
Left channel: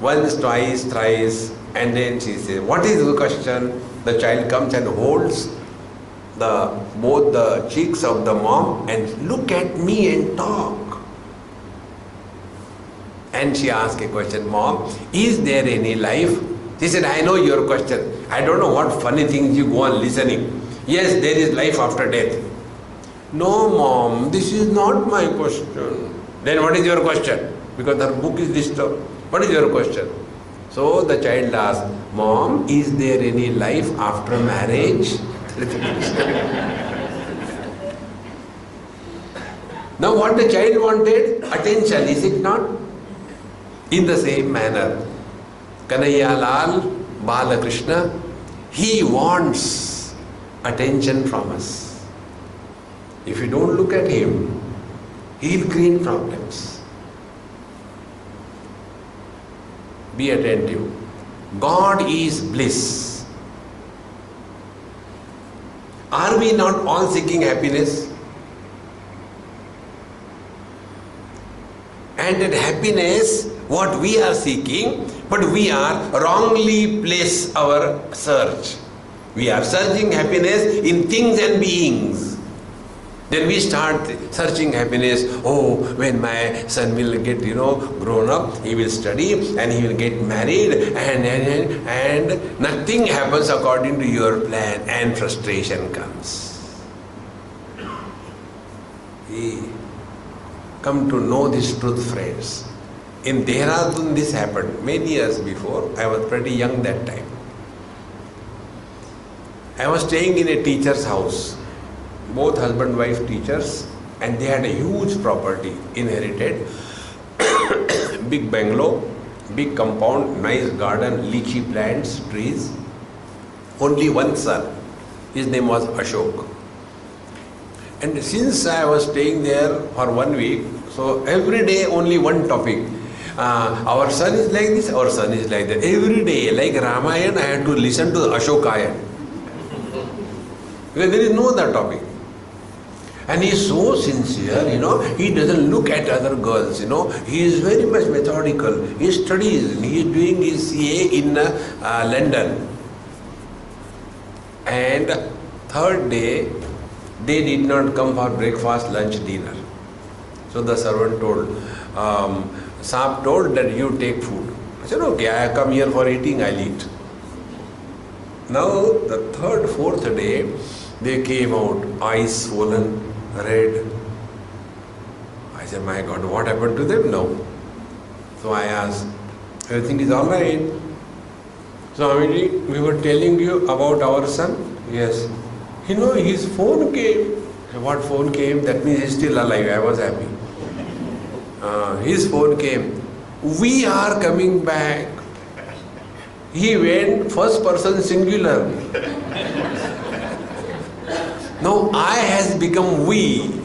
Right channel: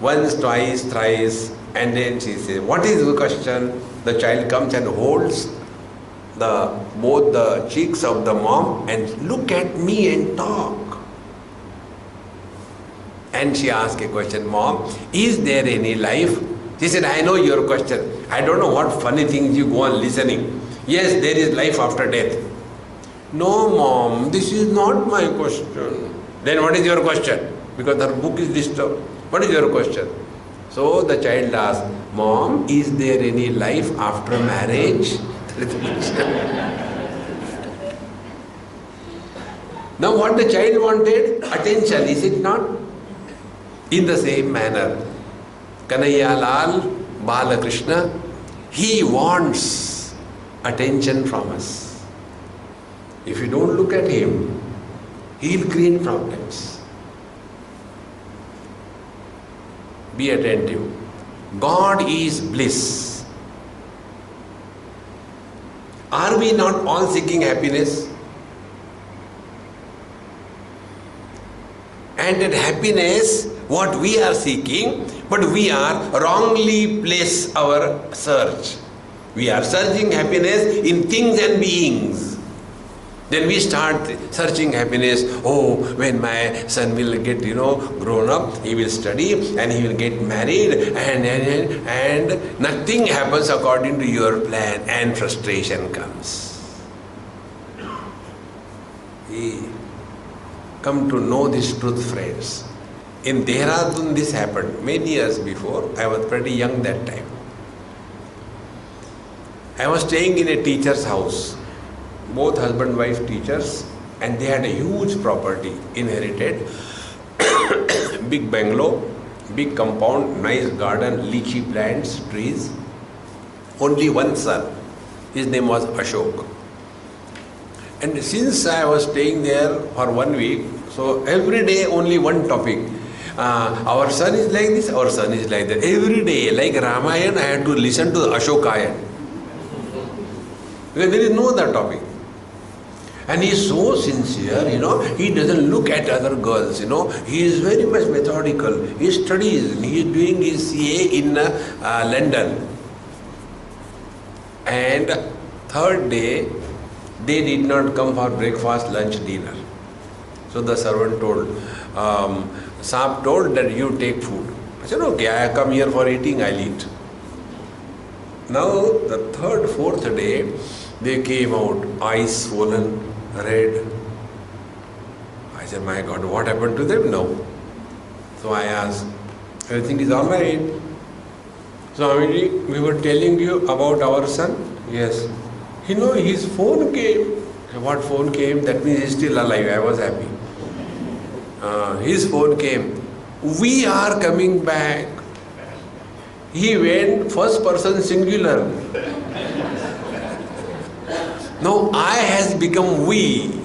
Once, twice, thrice, and then she says, what is the question? The child comes and holds both the cheeks of the mom and look at me and talk. And she asked a question, Mom, is there any life? She said, I know your question. I don't know what funny things you go on listening. Yes, there is life after death. No, Mom, this is not my question. Then what is your question? Because her book is disturbed. What is your question? So the child asked, Mom, is there any life after marriage? Now what the child wanted? Attention, is it not? In the same manner, Kanhaiya Lal, Balakrishna, he wants attention from us. If you don't look at him, he will create problems. Be attentive. God is bliss. Are we not all seeking happiness? And that happiness, what we are seeking, but we are wrongly place our search. We are searching happiness in things and beings. Then we start searching happiness. Oh, when my son will get, grown up, he will study and he will get married, and nothing happens according to your plan, and frustration comes. Come to know this truth, friends. In Dehradun this happened many years before. I was pretty young that time. I was staying in a teacher's house. Both husband wife teachers, and they had a huge property inherited. Big bungalow, big compound, nice garden, lychee plants, trees. Only one son. His name was Ashok. And since I was staying there for 1 week, so every day only one topic. Our son is like this, our son is like that. Every day, like Ramayana, I had to listen to Ashokayan. Because there is no other topic. And he is so sincere, he doesn't look at other girls, he is very much methodical. He studies, he is doing his CA in London. And third day, they did not come for breakfast, lunch, dinner. So the servant told, Saab told that you take food. I said, okay, I come here for eating, I'll eat. Now, the third, fourth day, they came out, eyes swollen, red. I said, my God, what happened to them? No. So I asked, everything is all right? Swamiji, we were telling you about our son? Yes. His phone came. What phone came? That means he's still alive. I was happy. His phone came. We are coming back. He went first person singular. Now I has become we.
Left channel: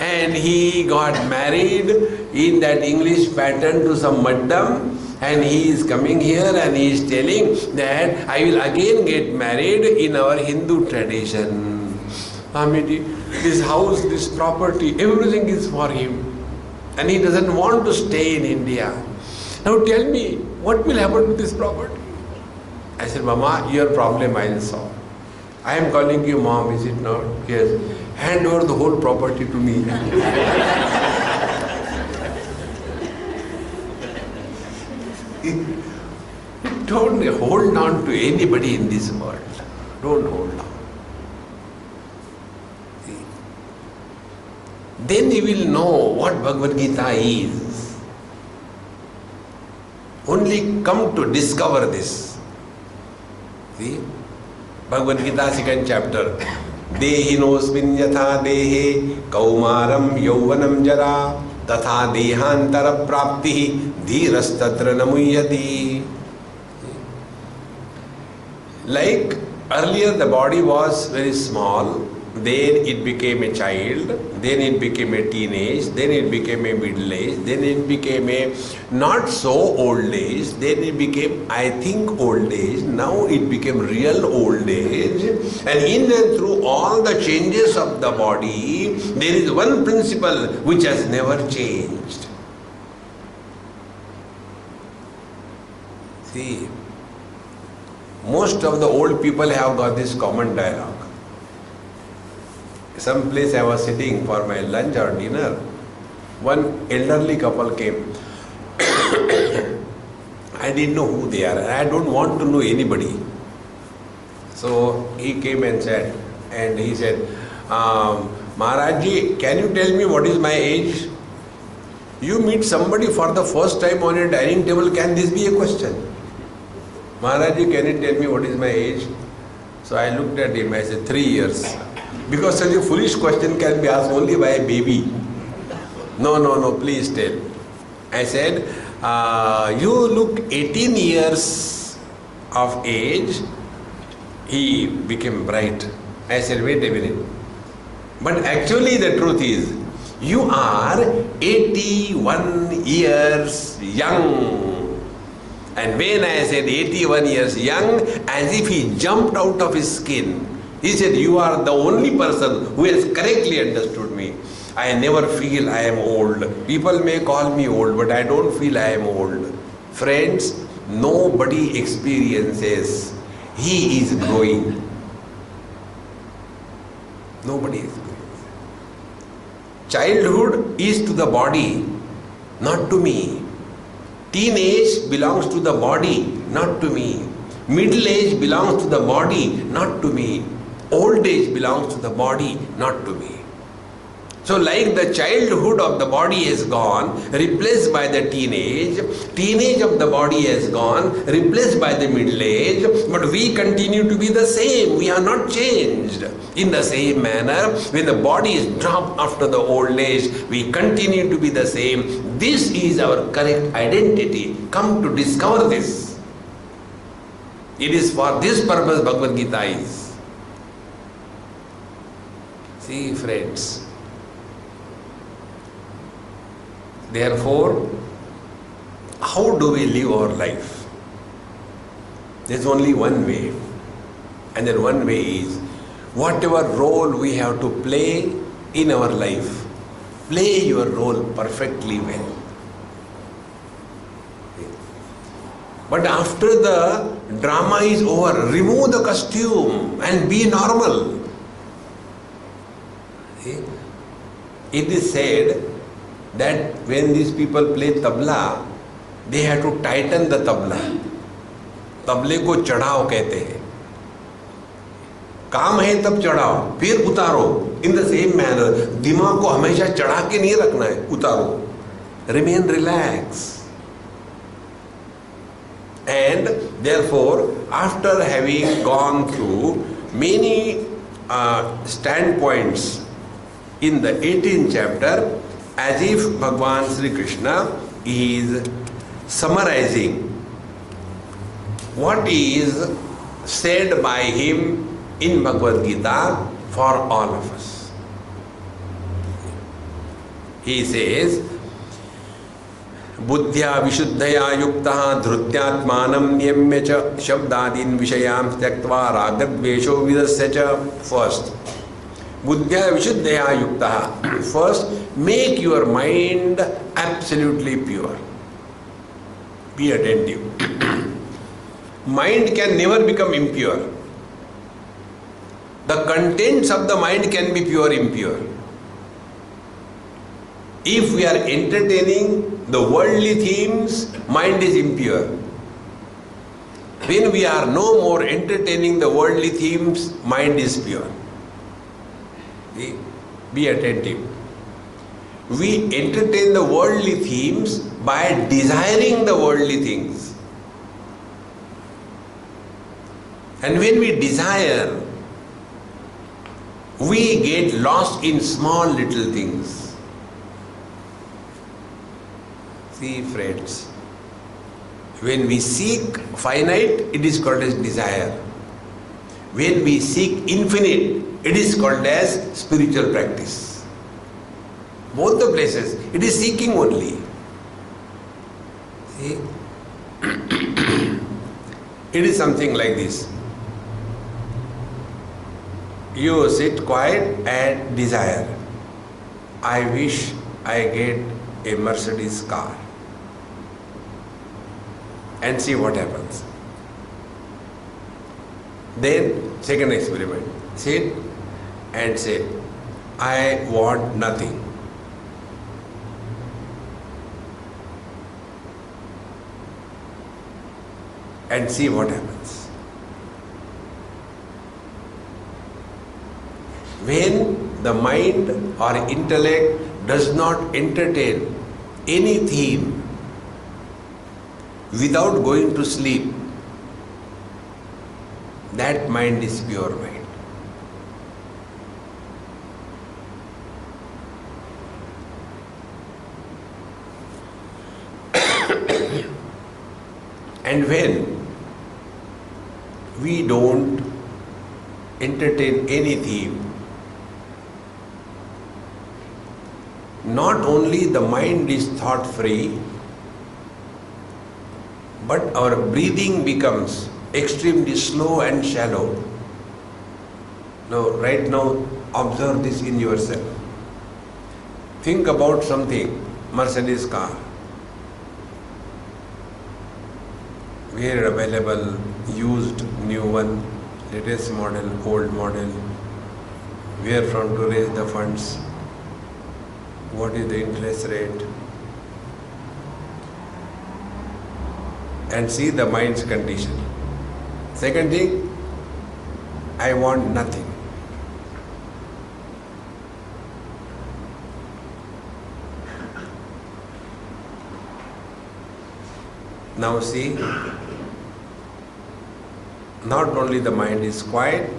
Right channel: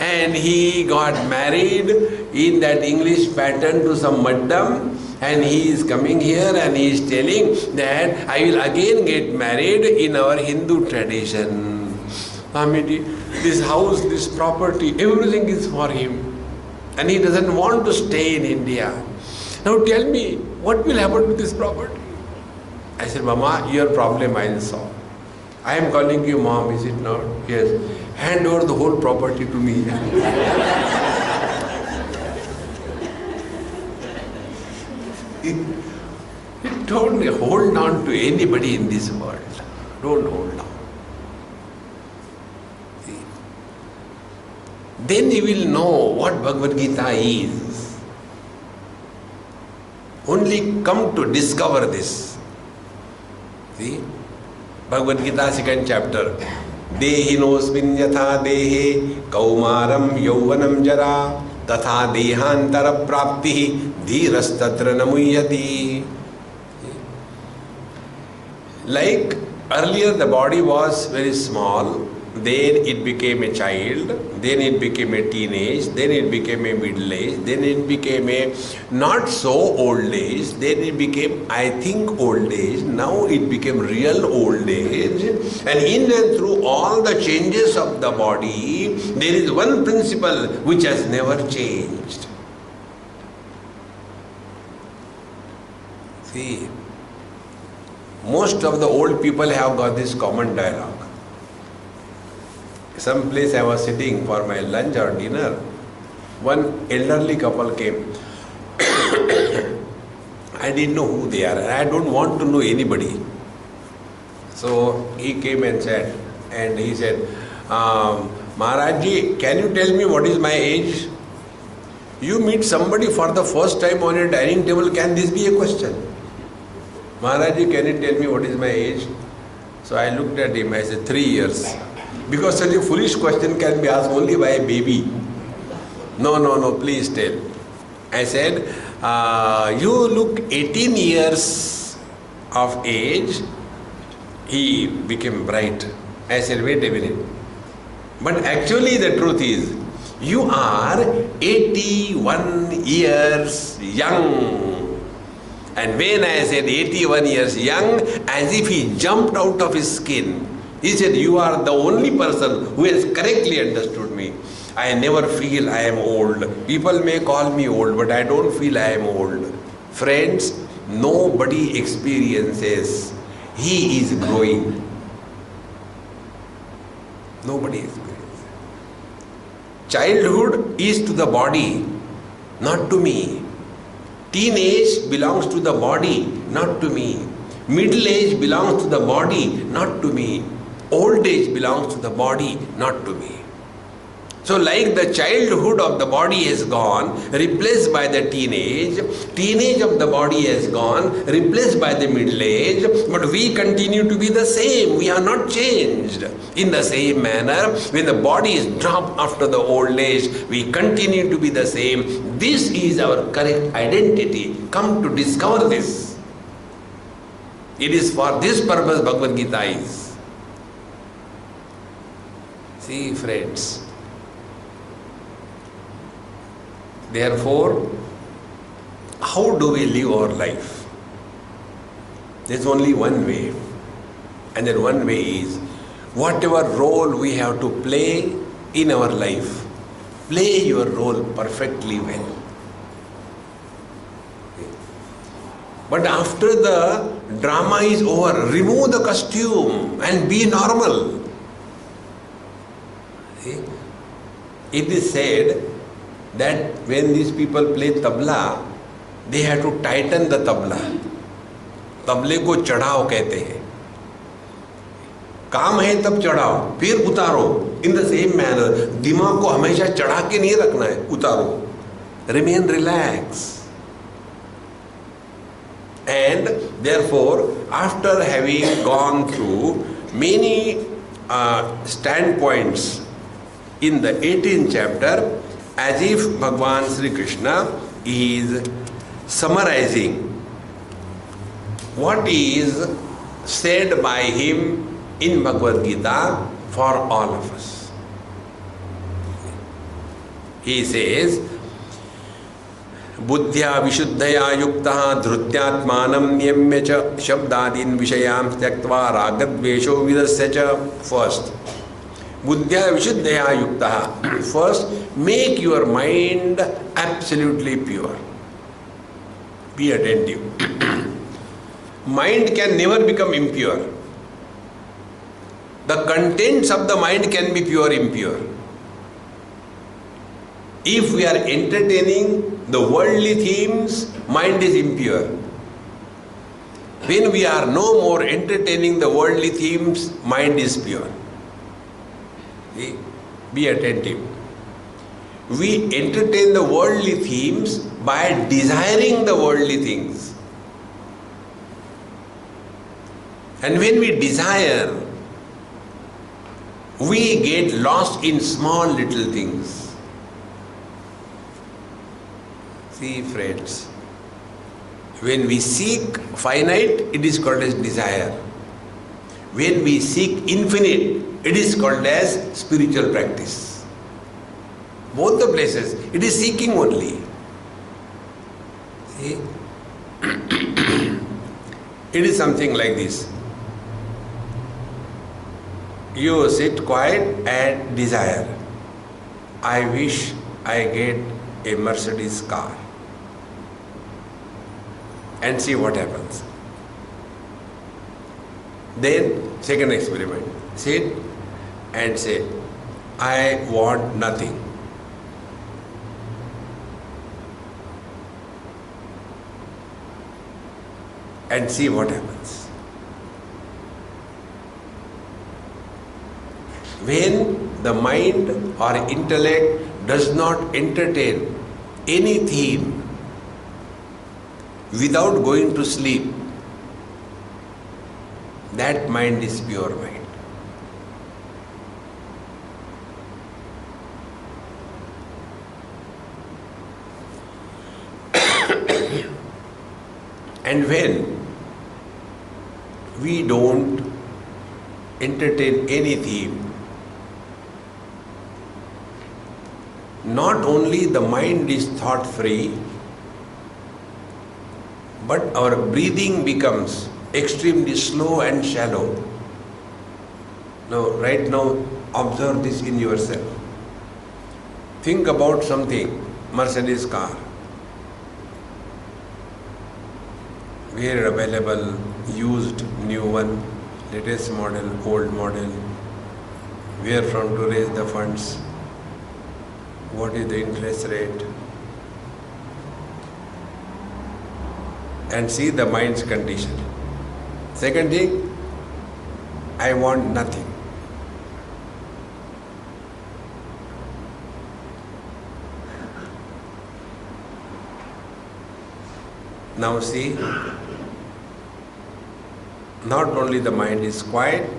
And he got married in that English pattern to some madam, and he is coming here and he is telling that I will again get married in our Hindu tradition. Swamiji, this house, this property, everything is for him. And he doesn't want to stay in India. Now tell me, what will happen to this property? I said, Mama, your problem I will solve. I am calling you mom, is it not? Yes. Hand over the whole property to me. Don't hold on to anybody in this world. Don't hold on. See? Then you will know what Bhagavad Gita is. Only come to discover this. See? Bhagavad Gita, 2nd chapter. Dehinosmin yatha dehe kaumaram yauvanam jara tatha dehantara prapti dhirastatra namuyati. Like earlier the body was very small, then it became a child, then it became a teenage, then it became a middle age, then it became a not so old age, then it became I think old age, now it became real old age, and in and through all the changes of the body, there is one principle which has never changed. See, most of the old people have got this common dialogue. Some place I was sitting for my lunch or dinner, one elderly couple came. I didn't know who they are, and I don't want to know anybody. So he came and said, Maharajji, can you tell me what is my age? You meet somebody for the first time on a dining table, can this be a question? Maharajji, can you tell me what is my age? So I looked at him, I said, 3 years. Because such a foolish question can be asked only by a baby. No, please tell. I said, you look 18 years of age. He became bright. I said, wait a minute. But actually the truth is, you are 81 years young. And when I said 81 years young, as if he jumped out of his skin. He said, you are the only person who has correctly understood me. I never feel I am old. People may call me old, but I don't feel I am old. Friends, nobody experiences he is growing. Nobody experiences. Childhood is to the body, not to me. Teenage belongs to the body, not to me. Middle age belongs to the body, not to me. Old age belongs to the body, not to me. So like the childhood of the body is gone, replaced by the teenage of the body has gone, replaced by the middle age, but we continue to be the same. We are not changed. In the same manner, when the body is dropped after the old age, we continue to be the same. This is our correct identity. Come to discover this. It is for this purpose Bhagavad Gita is. See, friends. Therefore, how do we live our life? There is only one way. And that one way is, whatever role we have to play in our life, play your role perfectly well. But after the drama is over, remove the costume and be normal. See? It is said that when these people play tabla, they have to tighten the tabla. तबले को चढ़ाओ कहते हैं. काम है तब चढ़ाओ, फिर उतारो. In the same manner, दिमाग को हमेशा चढ़ा के नहीं रखना है, उतारो. Remain relaxed. And therefore, after having gone through many standpoints in the 18th chapter, as if Bhagavan Sri Krishna is summarizing what is said by him in Bhagavad Gita for all of us. He says, बुद्ध्या विशुद्धया युक्तः धृत्यात्मानं नियम्य च शब्दादीन् विषयान् त्यक्त्वा रागद्वेषो विदस्य च. First, बुद्ध्या विशुद्धया युक्तः. First, make your mind absolutely pure. Be attentive. Mind can never become impure. The contents of the mind can be pure, impure. If we are entertaining the worldly themes, mind is impure. When we are no more entertaining the worldly themes, mind is pure. See? Be attentive. We entertain the worldly themes by desiring the worldly things. And when we desire, we get lost in small little things. See, friends, when we seek finite, it is called as desire. When we seek infinite, it is called as spiritual practice. Both the places, it is seeking only. See? It is something like this. You sit quiet and desire. I wish I get a Mercedes car. And see what happens. Then, second experiment. Sit and say, I want nothing. And see what happens. When the mind or intellect does not entertain any theme without going to sleep, that mind is pure mind. And when we don't entertain any theme, not only the mind is thought free, but our breathing becomes extremely slow and shallow. Now, right now, observe this in yourself. Think about something, Mercedes car, where available, used, new one, latest model, old model, where from to raise the funds, what is the interest rate, and see the mind's condition. Second thing, I want nothing. Now see, not only the mind is quiet,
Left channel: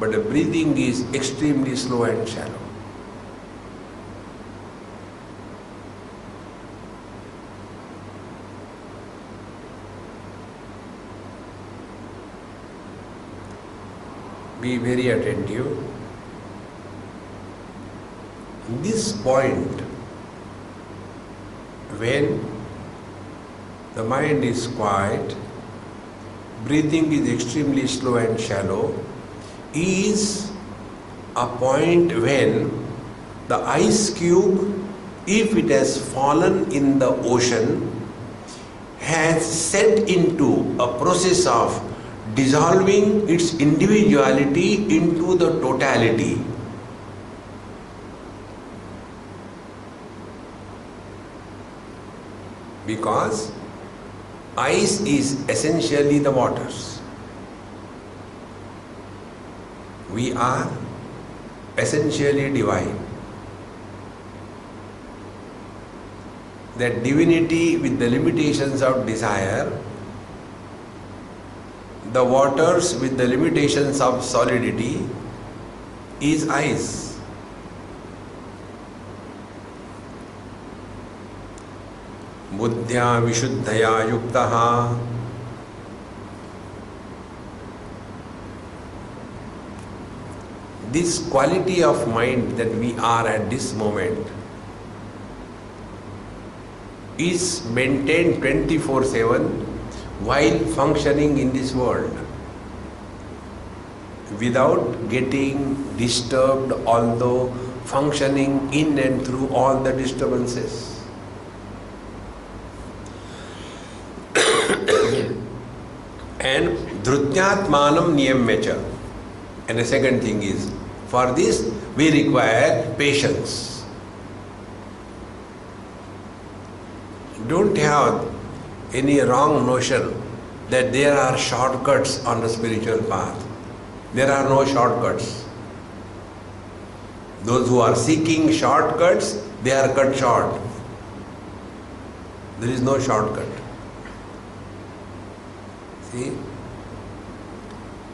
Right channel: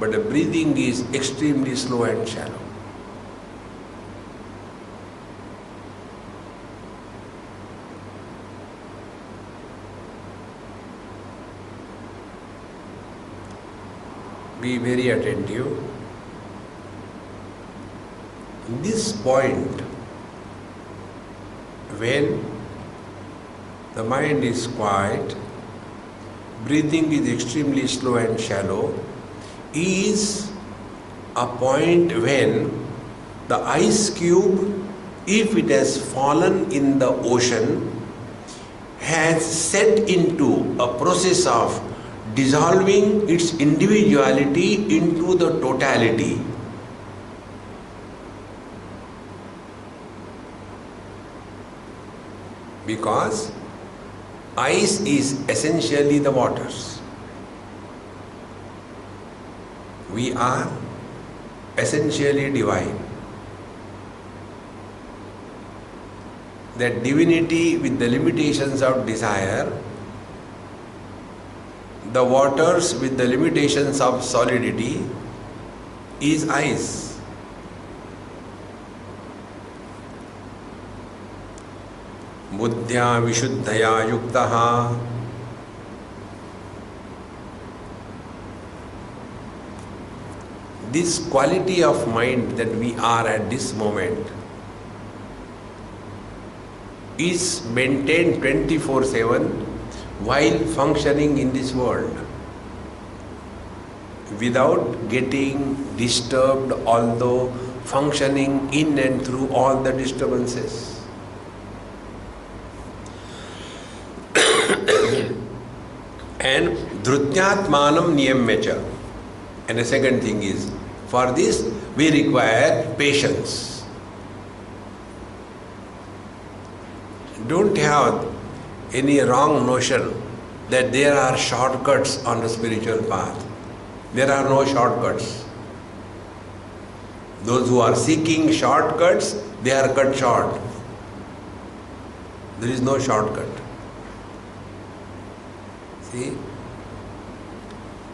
but the breathing is extremely slow and shallow. Be very attentive. In this point, when the mind is quiet, breathing is extremely slow and shallow, is a point when the ice cube, if it has fallen in the ocean, has set into a process of dissolving its individuality into the totality. Because ice is essentially the waters. We are essentially divine. That divinity with the limitations of desire, the waters with the limitations of solidity, is ice. Buddhya vishuddhaya yuktaha. This quality of mind that we are at this moment is maintained 24/7 while functioning in this world, without getting disturbed, although functioning in and through all the disturbances. And dhrutyatmanam niyamyacha. And the second thing is, for this we require patience. Don't have any wrong notion that there are shortcuts on the spiritual path. There are no shortcuts. Those who are seeking shortcuts, they are cut short. There is no shortcut. See?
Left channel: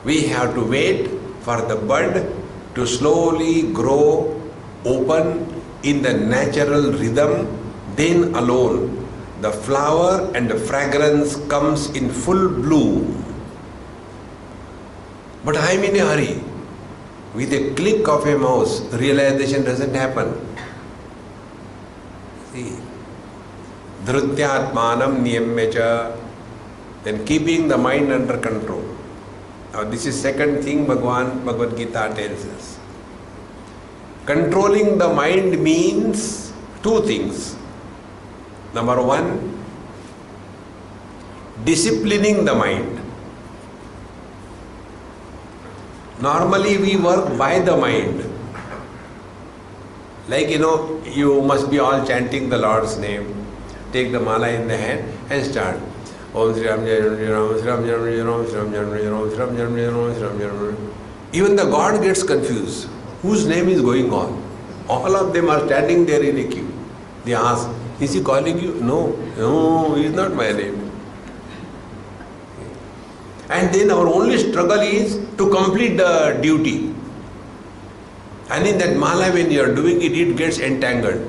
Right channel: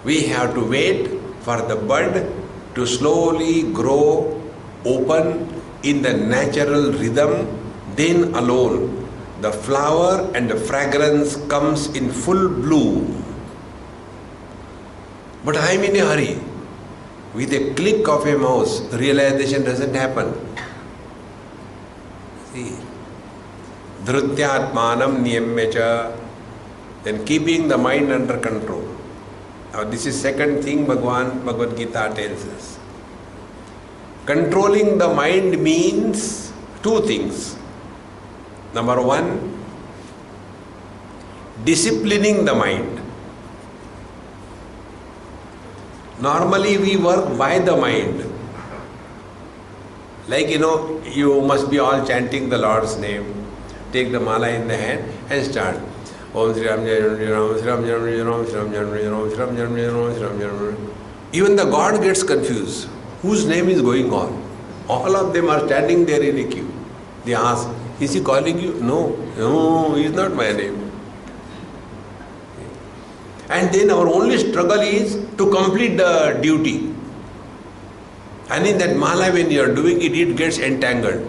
We have to wait for the bud to slowly grow, open in the natural rhythm, then alone the flower and the fragrance comes in full bloom. But I am in a hurry. With a click of a mouse, realization doesn't happen. See, dhrutyatmanam niyamyacha, then keeping the mind under control. Now this is second thing Bhagavad Gita tells us. Controlling the mind means two things. Number one, disciplining the mind. Normally we work by the mind. Like you must be all chanting the Lord's name. Take the mala in the hand and start. Om Sri Ram Jai Ram, Sri Ram Jai Ram, Sri Ram Jai Ram, Sri Ram Jai Ram, Sri Ram Jai Ram. Even the God gets confused. Whose name is going on? All of them are standing there in a queue. They ask, is he calling you? No, he is not my name. And then our only struggle is to complete the duty. And in that mala, when you are doing it, it gets entangled.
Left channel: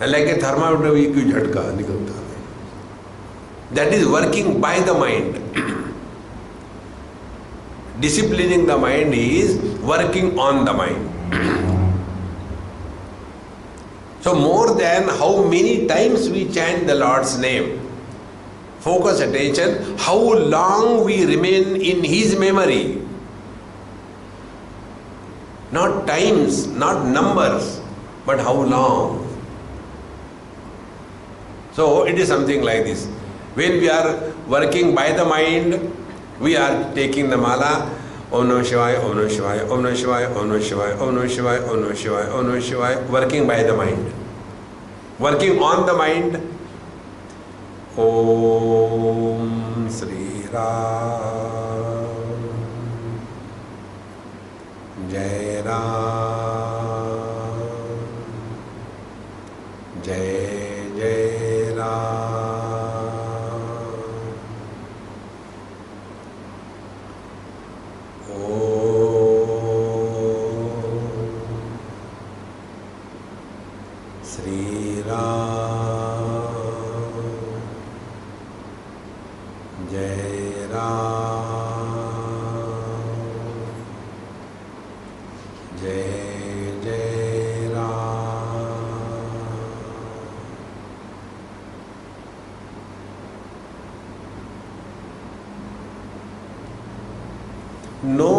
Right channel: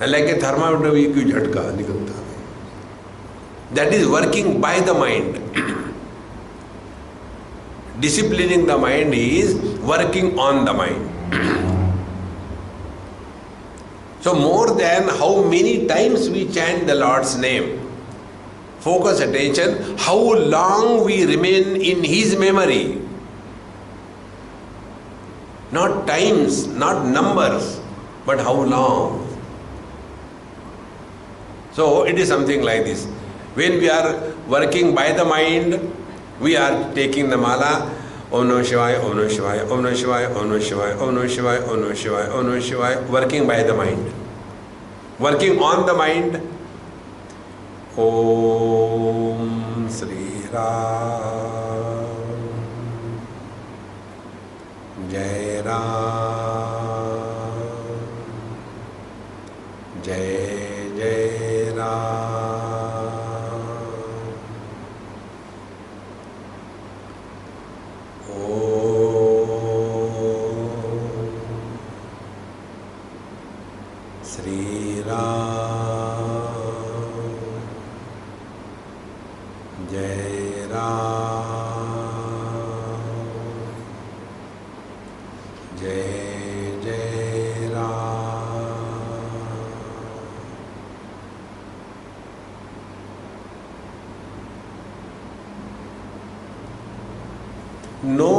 And like a thermometer, we jhatka nikalta. That is working by the mind. Disciplining the mind is working on the mind. So more than how many times we chant the Lord's name, focus attention, how long we remain in His memory. Not times, not numbers, but how long. So it is something like this. When we are working by the mind, we are taking the mala, Om Namah Shivaya, Om Namah Shivaya, Om Namah Shivaya, Om Namah Shivaya, Om Namah Shivaya, Om Namah Shivaya, Om Namah Shivaya, working by the mind. Working on the mind, Om Sri Ram, Jai Ram, Jai Jai Ram, Om Sri Ram, Jai Ram, Jai Jai Ram. No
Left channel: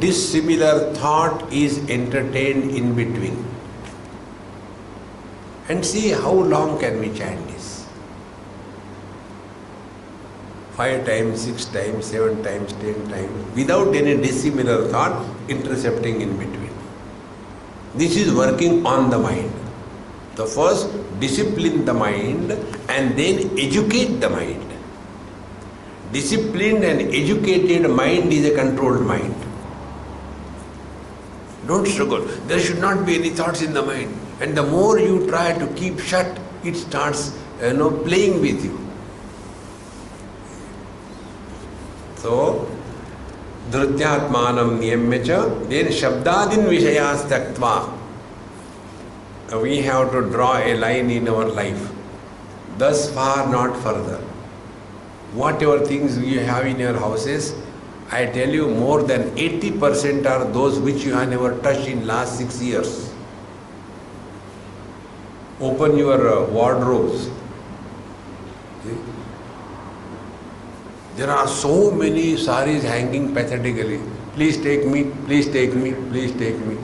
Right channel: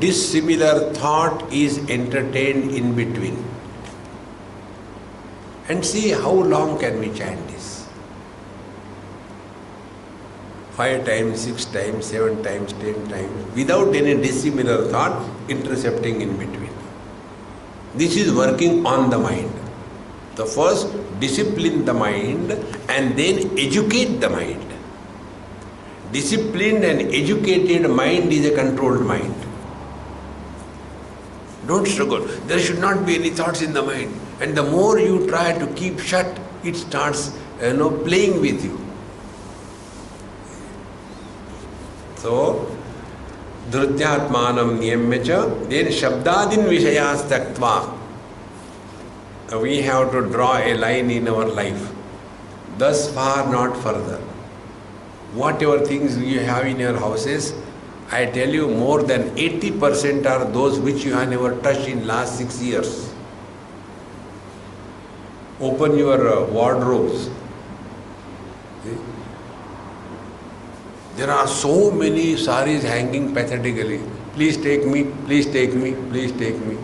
dissimilar thought is entertained in between. And see how long can we chant this. 5 times, 6 times, 7 times, 10 times, without any dissimilar thought intercepting in between. This is working on the mind. So first discipline the mind and then educate the mind. Disciplined and educated mind is a controlled mind. Don't struggle. There should not be any thoughts in the mind. And the more you try to keep shut, it starts playing with you. So, Dhrutyatmanam niyamya, then Shabdadin Vishayas Taktva. We have to draw a line in our life. Thus far, not further. Whatever things you have in your houses, I tell you, more than 80% are those which you have never touched in last 6 years. Open your wardrobes. See? There are so many saris hanging pathetically. Please take me, please take me, please take me.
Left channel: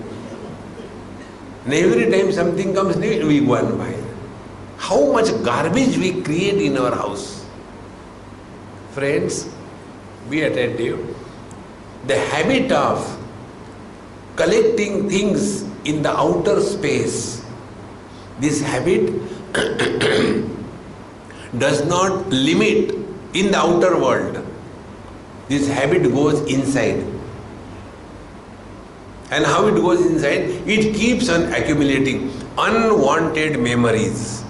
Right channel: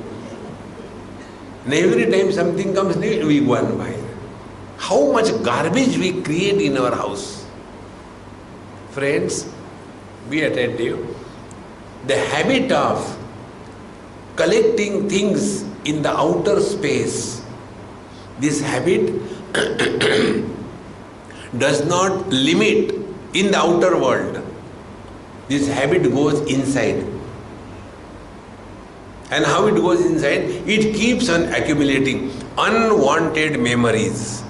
And every time something comes new, we go and buy. How much garbage we create in our house. Friends, be attentive. The habit of collecting things in the outer space, this habit does not limit in the outer world. This habit goes inside. And how it goes inside? It keeps on accumulating unwanted memories.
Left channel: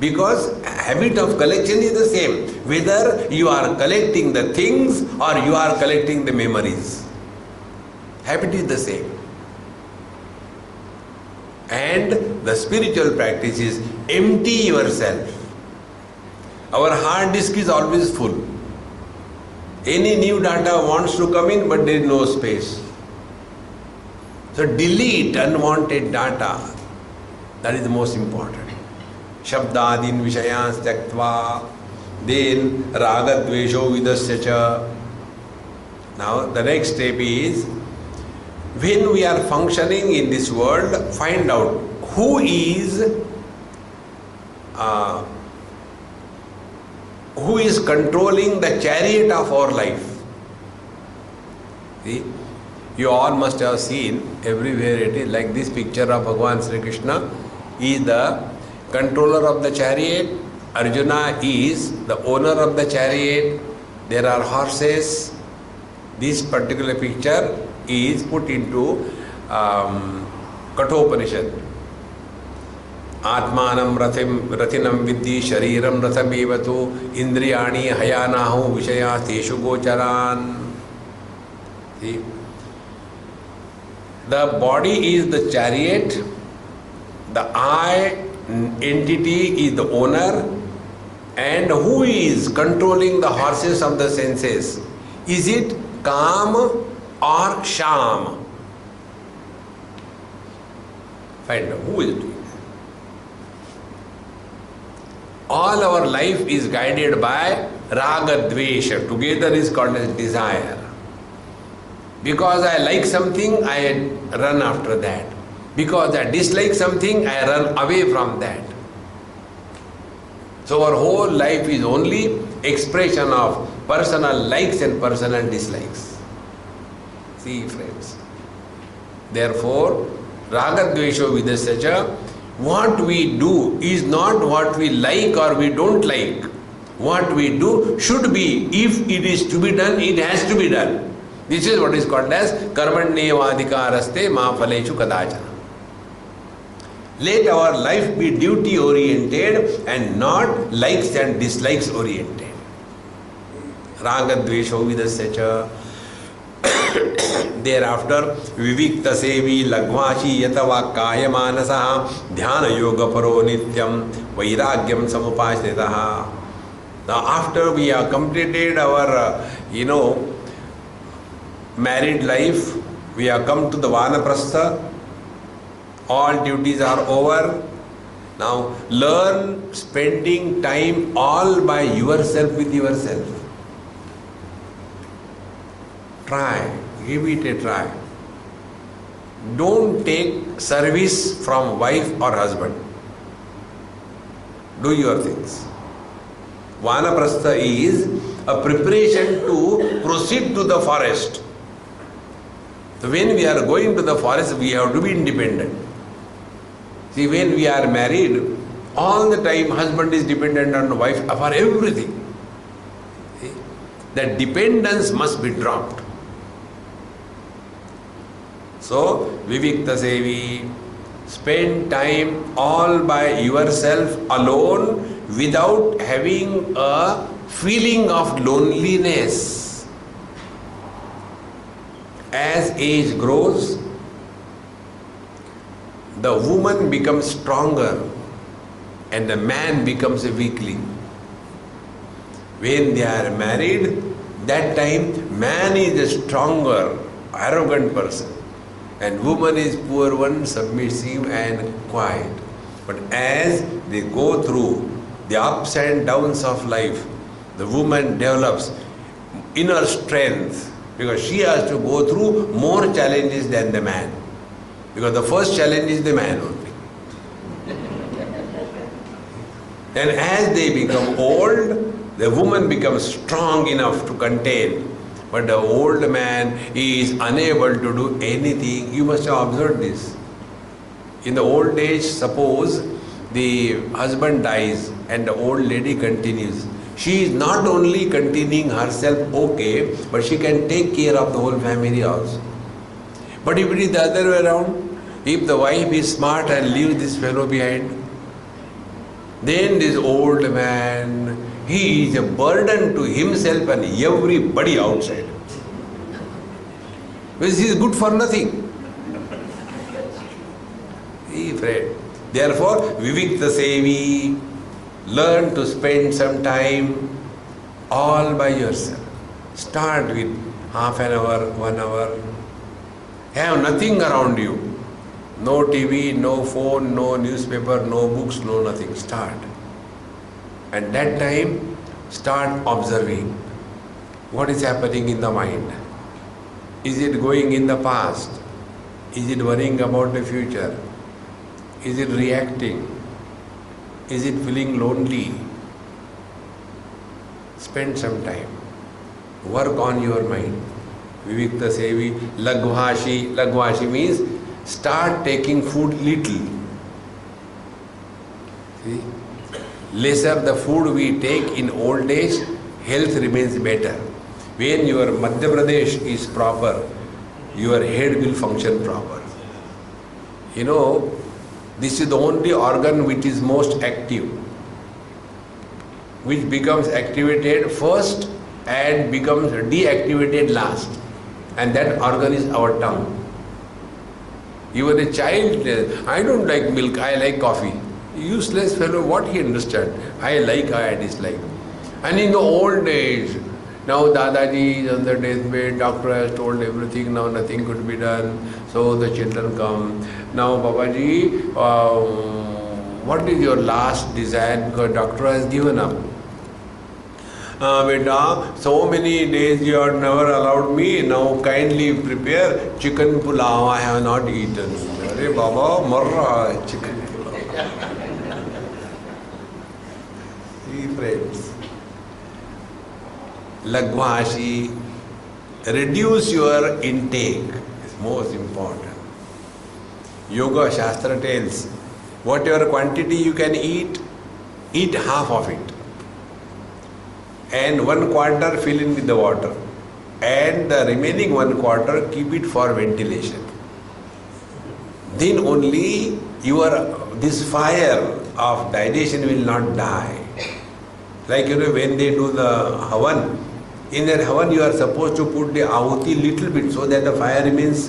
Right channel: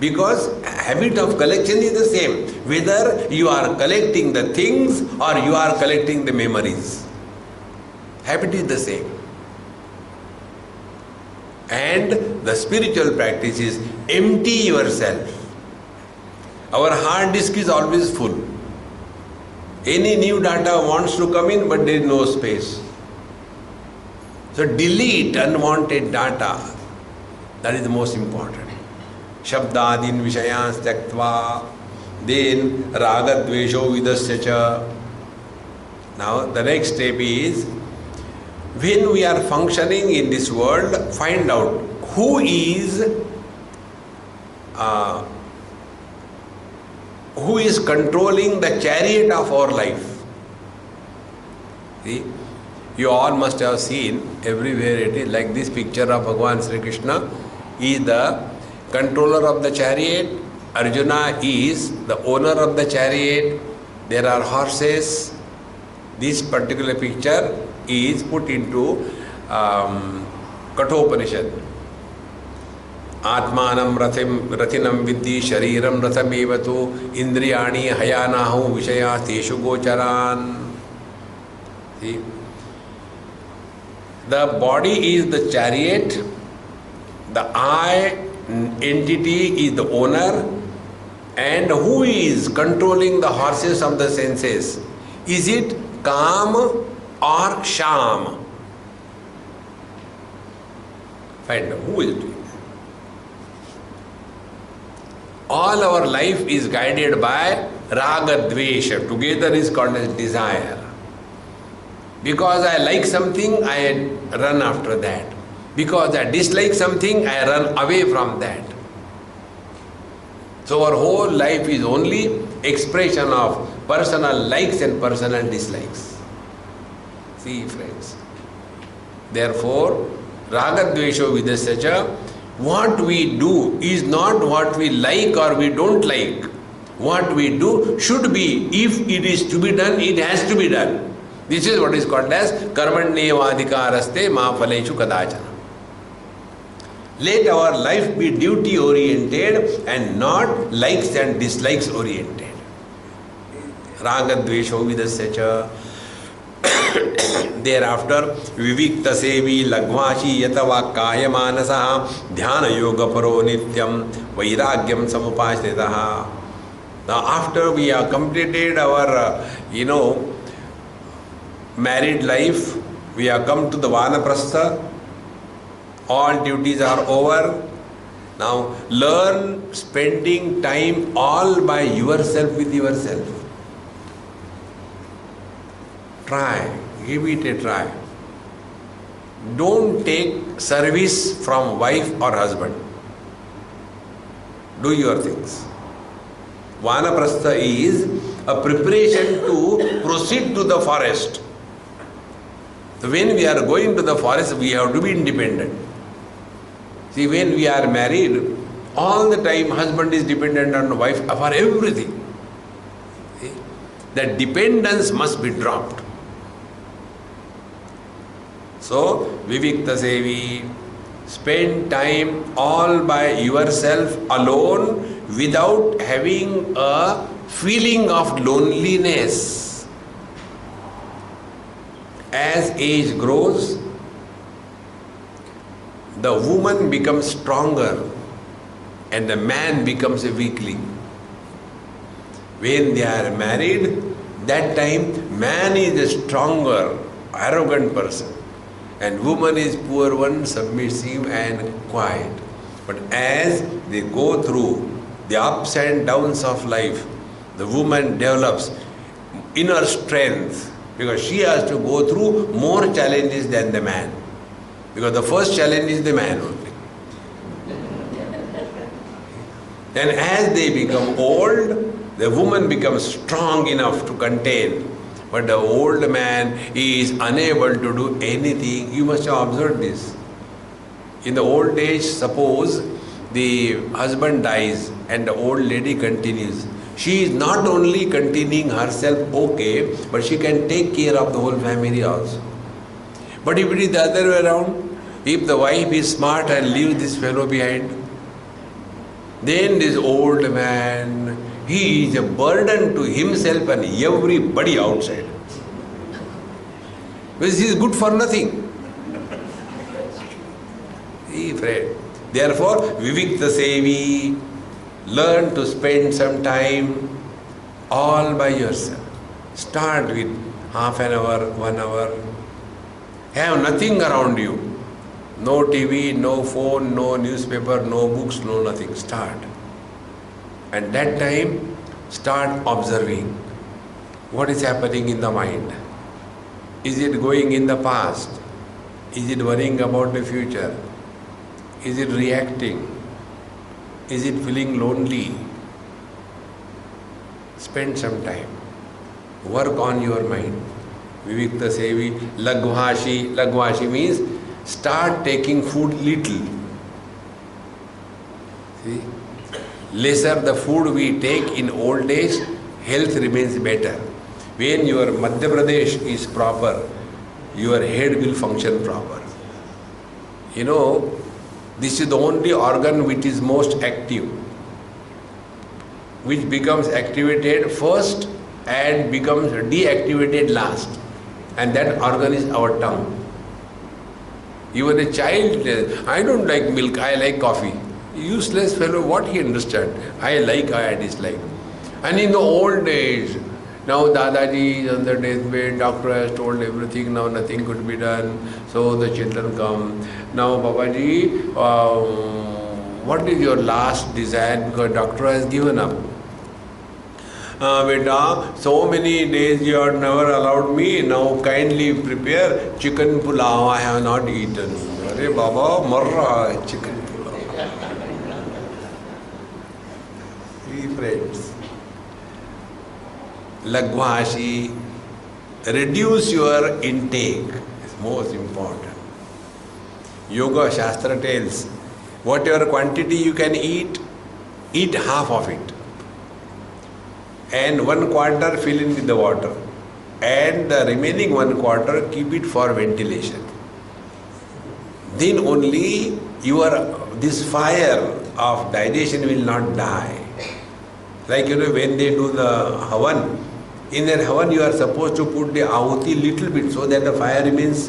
Because habit of collection is the same, whether you are collecting the things or you are collecting the memories. Habit is the same. And the spiritual practice is empty yourself. Our hard disk is always full. Any new data wants to come in, but there is no space. So delete unwanted data. That is the most important. Shabdadin Vishayans Taktva, then Raga Dvesho Vidasya cha. Now the next step is, when we are functioning in this world, find out who is controlling the chariot of our life. See, you all must have seen everywhere it is like this picture of Bhagavan Sri Krishna is the controller of the chariot. Arjuna is the owner of the chariot. There are horses. This particular picture is put into Kathopanishad. Atmanam rathinam vidhi shariram rathamevatu indriyani hayanahu vishaya teshu gocharan. See? The body is the chariot, the I entity is the owner, and who is controlling the horses of the senses? Is it Kam or Sham? Find out who is doing that. All our life is guided by raga dvesha. Together is called as desire. Because I like something, I run after that. Because I dislike something, I run away from that. So our whole life is only expression of personal likes and personal dislikes. See, friends. Therefore, raga dvesho vidasya, what we do is not what we like or we don't like. What we do should be, if it is to be done, it has to be done. This is what is called as karmanyevadhikaraste ma phaleshu kadachana. Let our life be duty oriented and not likes and dislikes oriented. Raga dvesho vidasya. Thereafter, vivikta sevi lagvashi yatava kaya manasaha dhyana yoga paro nityam vairagyam samupashritaha. Now, after we have completed our, married life, we have come to the vanaprastha. All duties are over. Now, learn spending time all by yourself with yourself. Try, give it a try. Don't take service from wife or husband. Do your things. Vanaprastha is a preparation to proceed to the forest. So when we are going to the forest, we have to be independent. See, when we are married, all the time husband is dependent on wife for everything. See? That dependence must be dropped. So, vivikta sevi, spend time all by yourself alone without having a feeling of loneliness. As age grows, the woman becomes stronger and the man becomes a weakling. When they are married, that time man is a stronger, arrogant person. And woman is poor one, submissive and quiet. But as they go through the ups and downs of life, the woman develops inner strength because she has to go through more challenges than the man. Because the first challenge is the man only. Then as they become old, the woman becomes strong enough to contain. But the old man is unable to do anything. You must have observed this. In the old age, suppose the husband dies and the old lady continues. She is not only continuing herself okay, but she can take care of the whole family also. But if it is the other way around, if the wife is smart and leaves this fellow behind, then this old man, he is a burden to himself and everybody outside. Because he is good for nothing. He afraid. Therefore, vivikta sevi, learn to spend some time all by yourself. Start with half an hour, 1 hour. Have nothing around you. No TV, no phone, no newspaper, no books, no nothing. Start. And that time, start observing what is happening in the mind. Is it going in the past? Is it worrying about the future? Is it reacting? Is it feeling lonely? Spend some time. Work on your mind. Vivikta sevi, lagvashi. Lagvashi means start taking food little. See? Lesser the food we take in old age, health remains better. When your Madhya Pradesh is proper, your head will function proper. This is the only organ which is most active, which becomes activated first and becomes deactivated last. And that organ is our tongue. Even a child, I don't like milk, I like coffee. Useless fellow, what he understand? I like, I dislike. And in the old age, Now Dadaji is on the deathbed, doctor has told everything, now nothing could be done. So the children come. Now Babaji, what is your last desire? Because doctor has given up. Beta, so many days you have never allowed me, now kindly prepare chicken pulao, I have not eaten. Arey Baba, mar raha hai chicken pulao. See friends, Lagvashi, reduce your intake is most important. Yoga Shastra tells, whatever quantity you can eat, eat half of it. And 1/4 fill in with the water, and the remaining 1/4 keep it for ventilation. Then only this fire of digestion will not die. Like when they do the havan, in that havan you are supposed to put the ahuti little bit so that the fire remains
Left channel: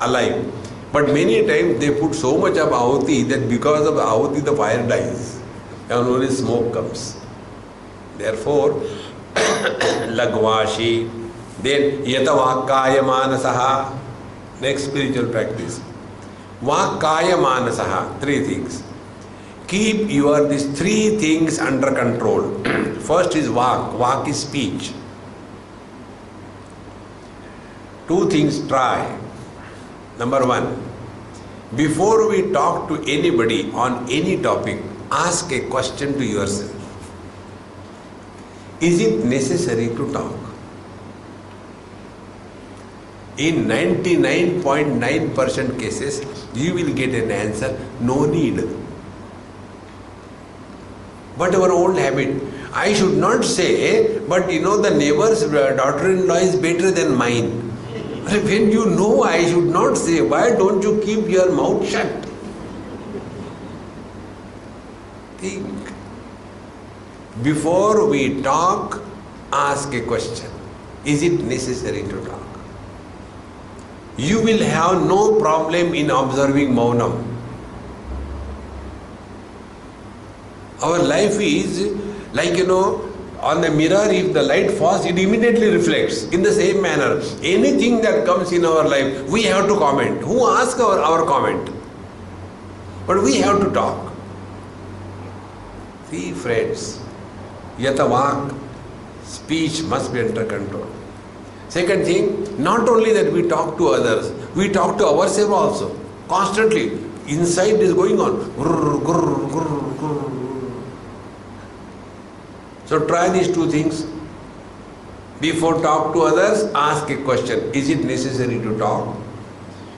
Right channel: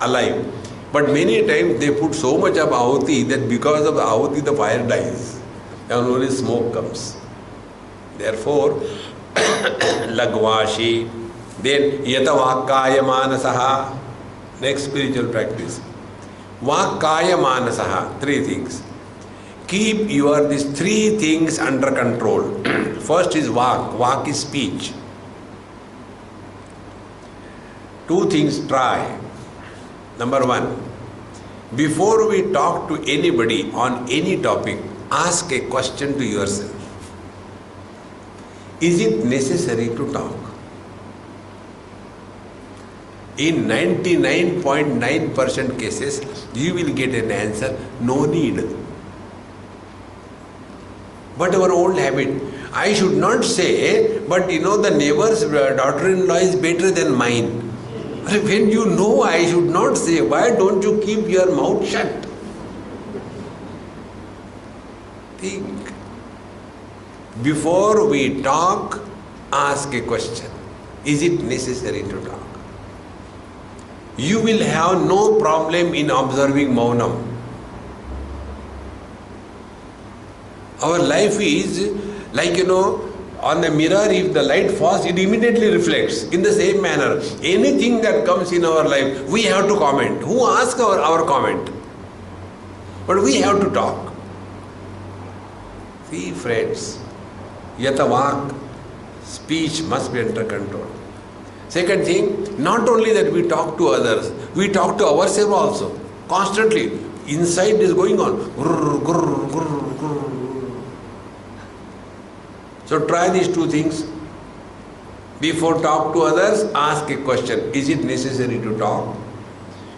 alive. But many times they put so much of ahuti that because of the ahuti the fire dies and only smoke comes. Therefore, Lagvashi, then Yatavakaya Manasaha, next spiritual practice. Vakaya Manasaha, 3 things. Keep these 3 things under control. First is Vak, Vak is speech. 2 things try. Number 1, before we talk to anybody on any topic, ask a question to yourself. Is it necessary to talk? In 99.9% cases, you will get an answer, no need. But our old habit, I should not say, but the neighbor's daughter-in-law is better than mine. When you know I should not say, why don't you keep your mouth shut? Think. Before we talk, ask a question. Is it necessary to talk? You will have no problem in observing Maunam. Our life is like, on the mirror, if the light falls, it immediately reflects. In the same manner, anything that comes in our life, we have to comment. Who asks our comment? But we have to talk. See, friends, Yatavak, speech must be under control. Second thing, not only that we talk to others, we talk to ourselves also. Constantly. Inside is going on. Grrr, grrr, grrr, grrr. So try these 2 things. Before talk to others, ask a question. Is it necessary to talk?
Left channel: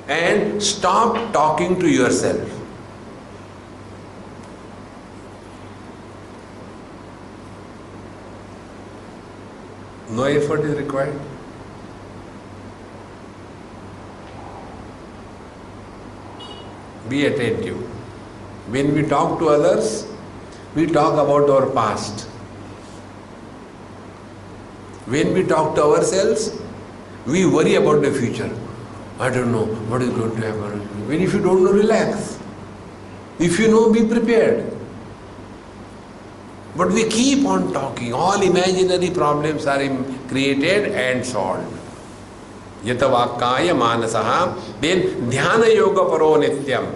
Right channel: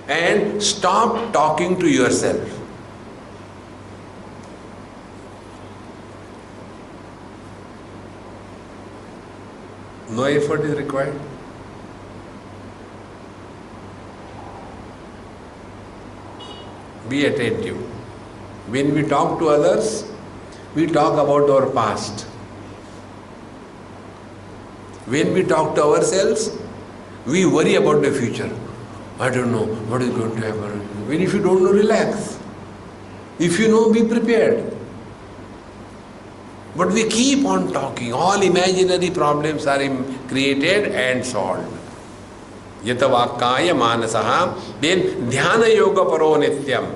And stop talking to yourself. No effort is required. Be attentive. When we talk to others, we talk about our past. When we talk to ourselves, we worry about the future. I don't know what is going to happen. When if you don't know, relax. If you know, be prepared. But we keep on talking. All imaginary problems are created and solved. Yatavakaya manasaha. Then dhyana yoga paro nityam.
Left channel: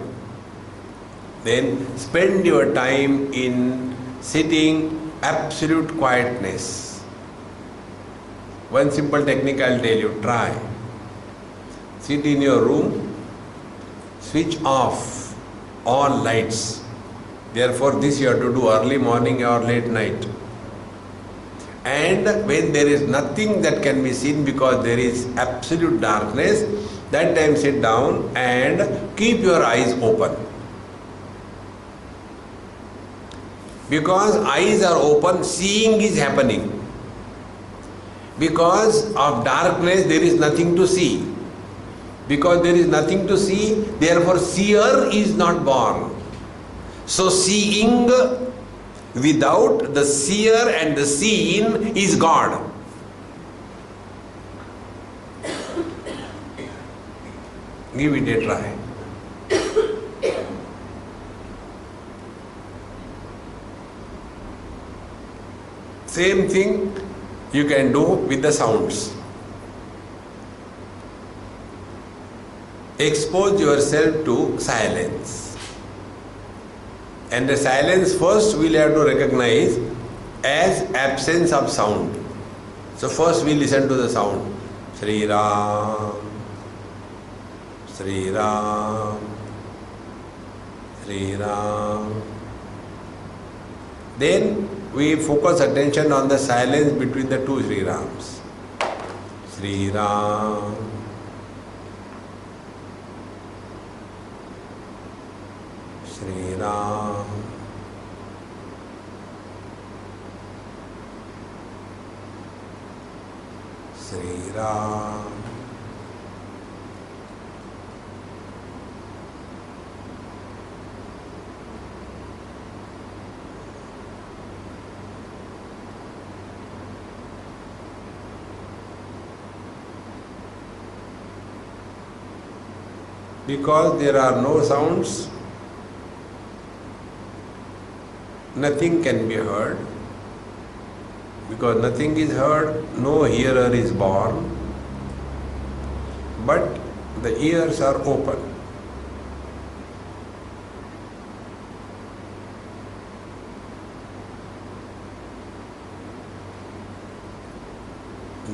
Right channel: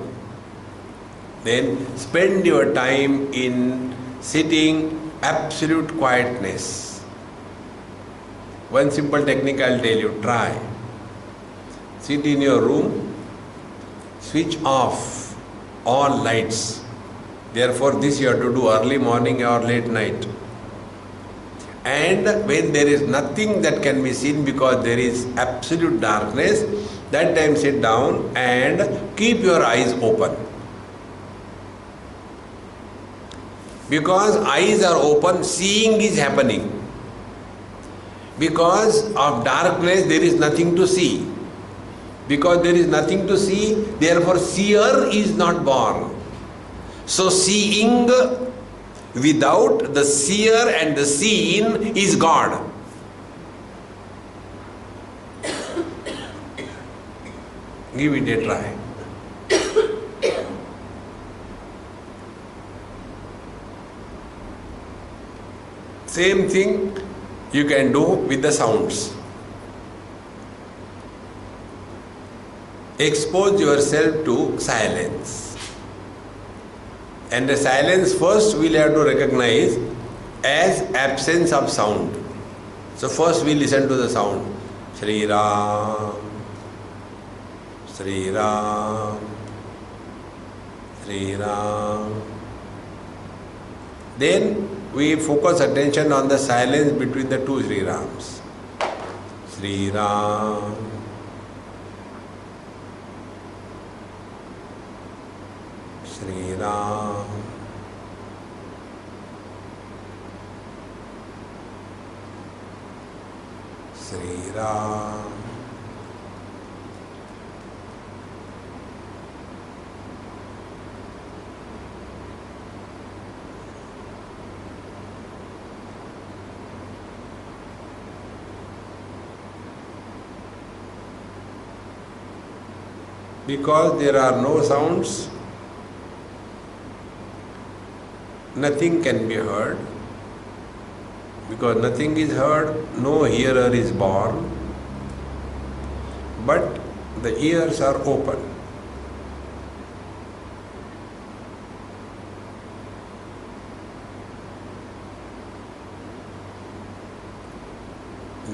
Then spend your time in sitting absolute quietness. One simple technique I'll tell you. Try. Sit in your room. Switch off all lights. Therefore, this you have to do early morning or late night. And when there is nothing that can be seen because there is absolute darkness, that time sit down and keep your eyes open. Because eyes are open, seeing is happening. Because of darkness, there is nothing to see. Because there is nothing to see, therefore seer is not born. So seeing without the seer and the seen is God. Give it a try. Same thing, you can do with the sounds. Expose yourself to silence. And the silence first we'll have to recognize as absence of sound. So first we listen to the sound. Sri Ram, Sri Ram, Sri Ram. Then we focus attention on the silence between the two Sri Rams. Sri Ram, Sri Ram, Sri Ram. Because there are no sounds, nothing can be heard. Because nothing is heard, no hearer is born. But the ears are open.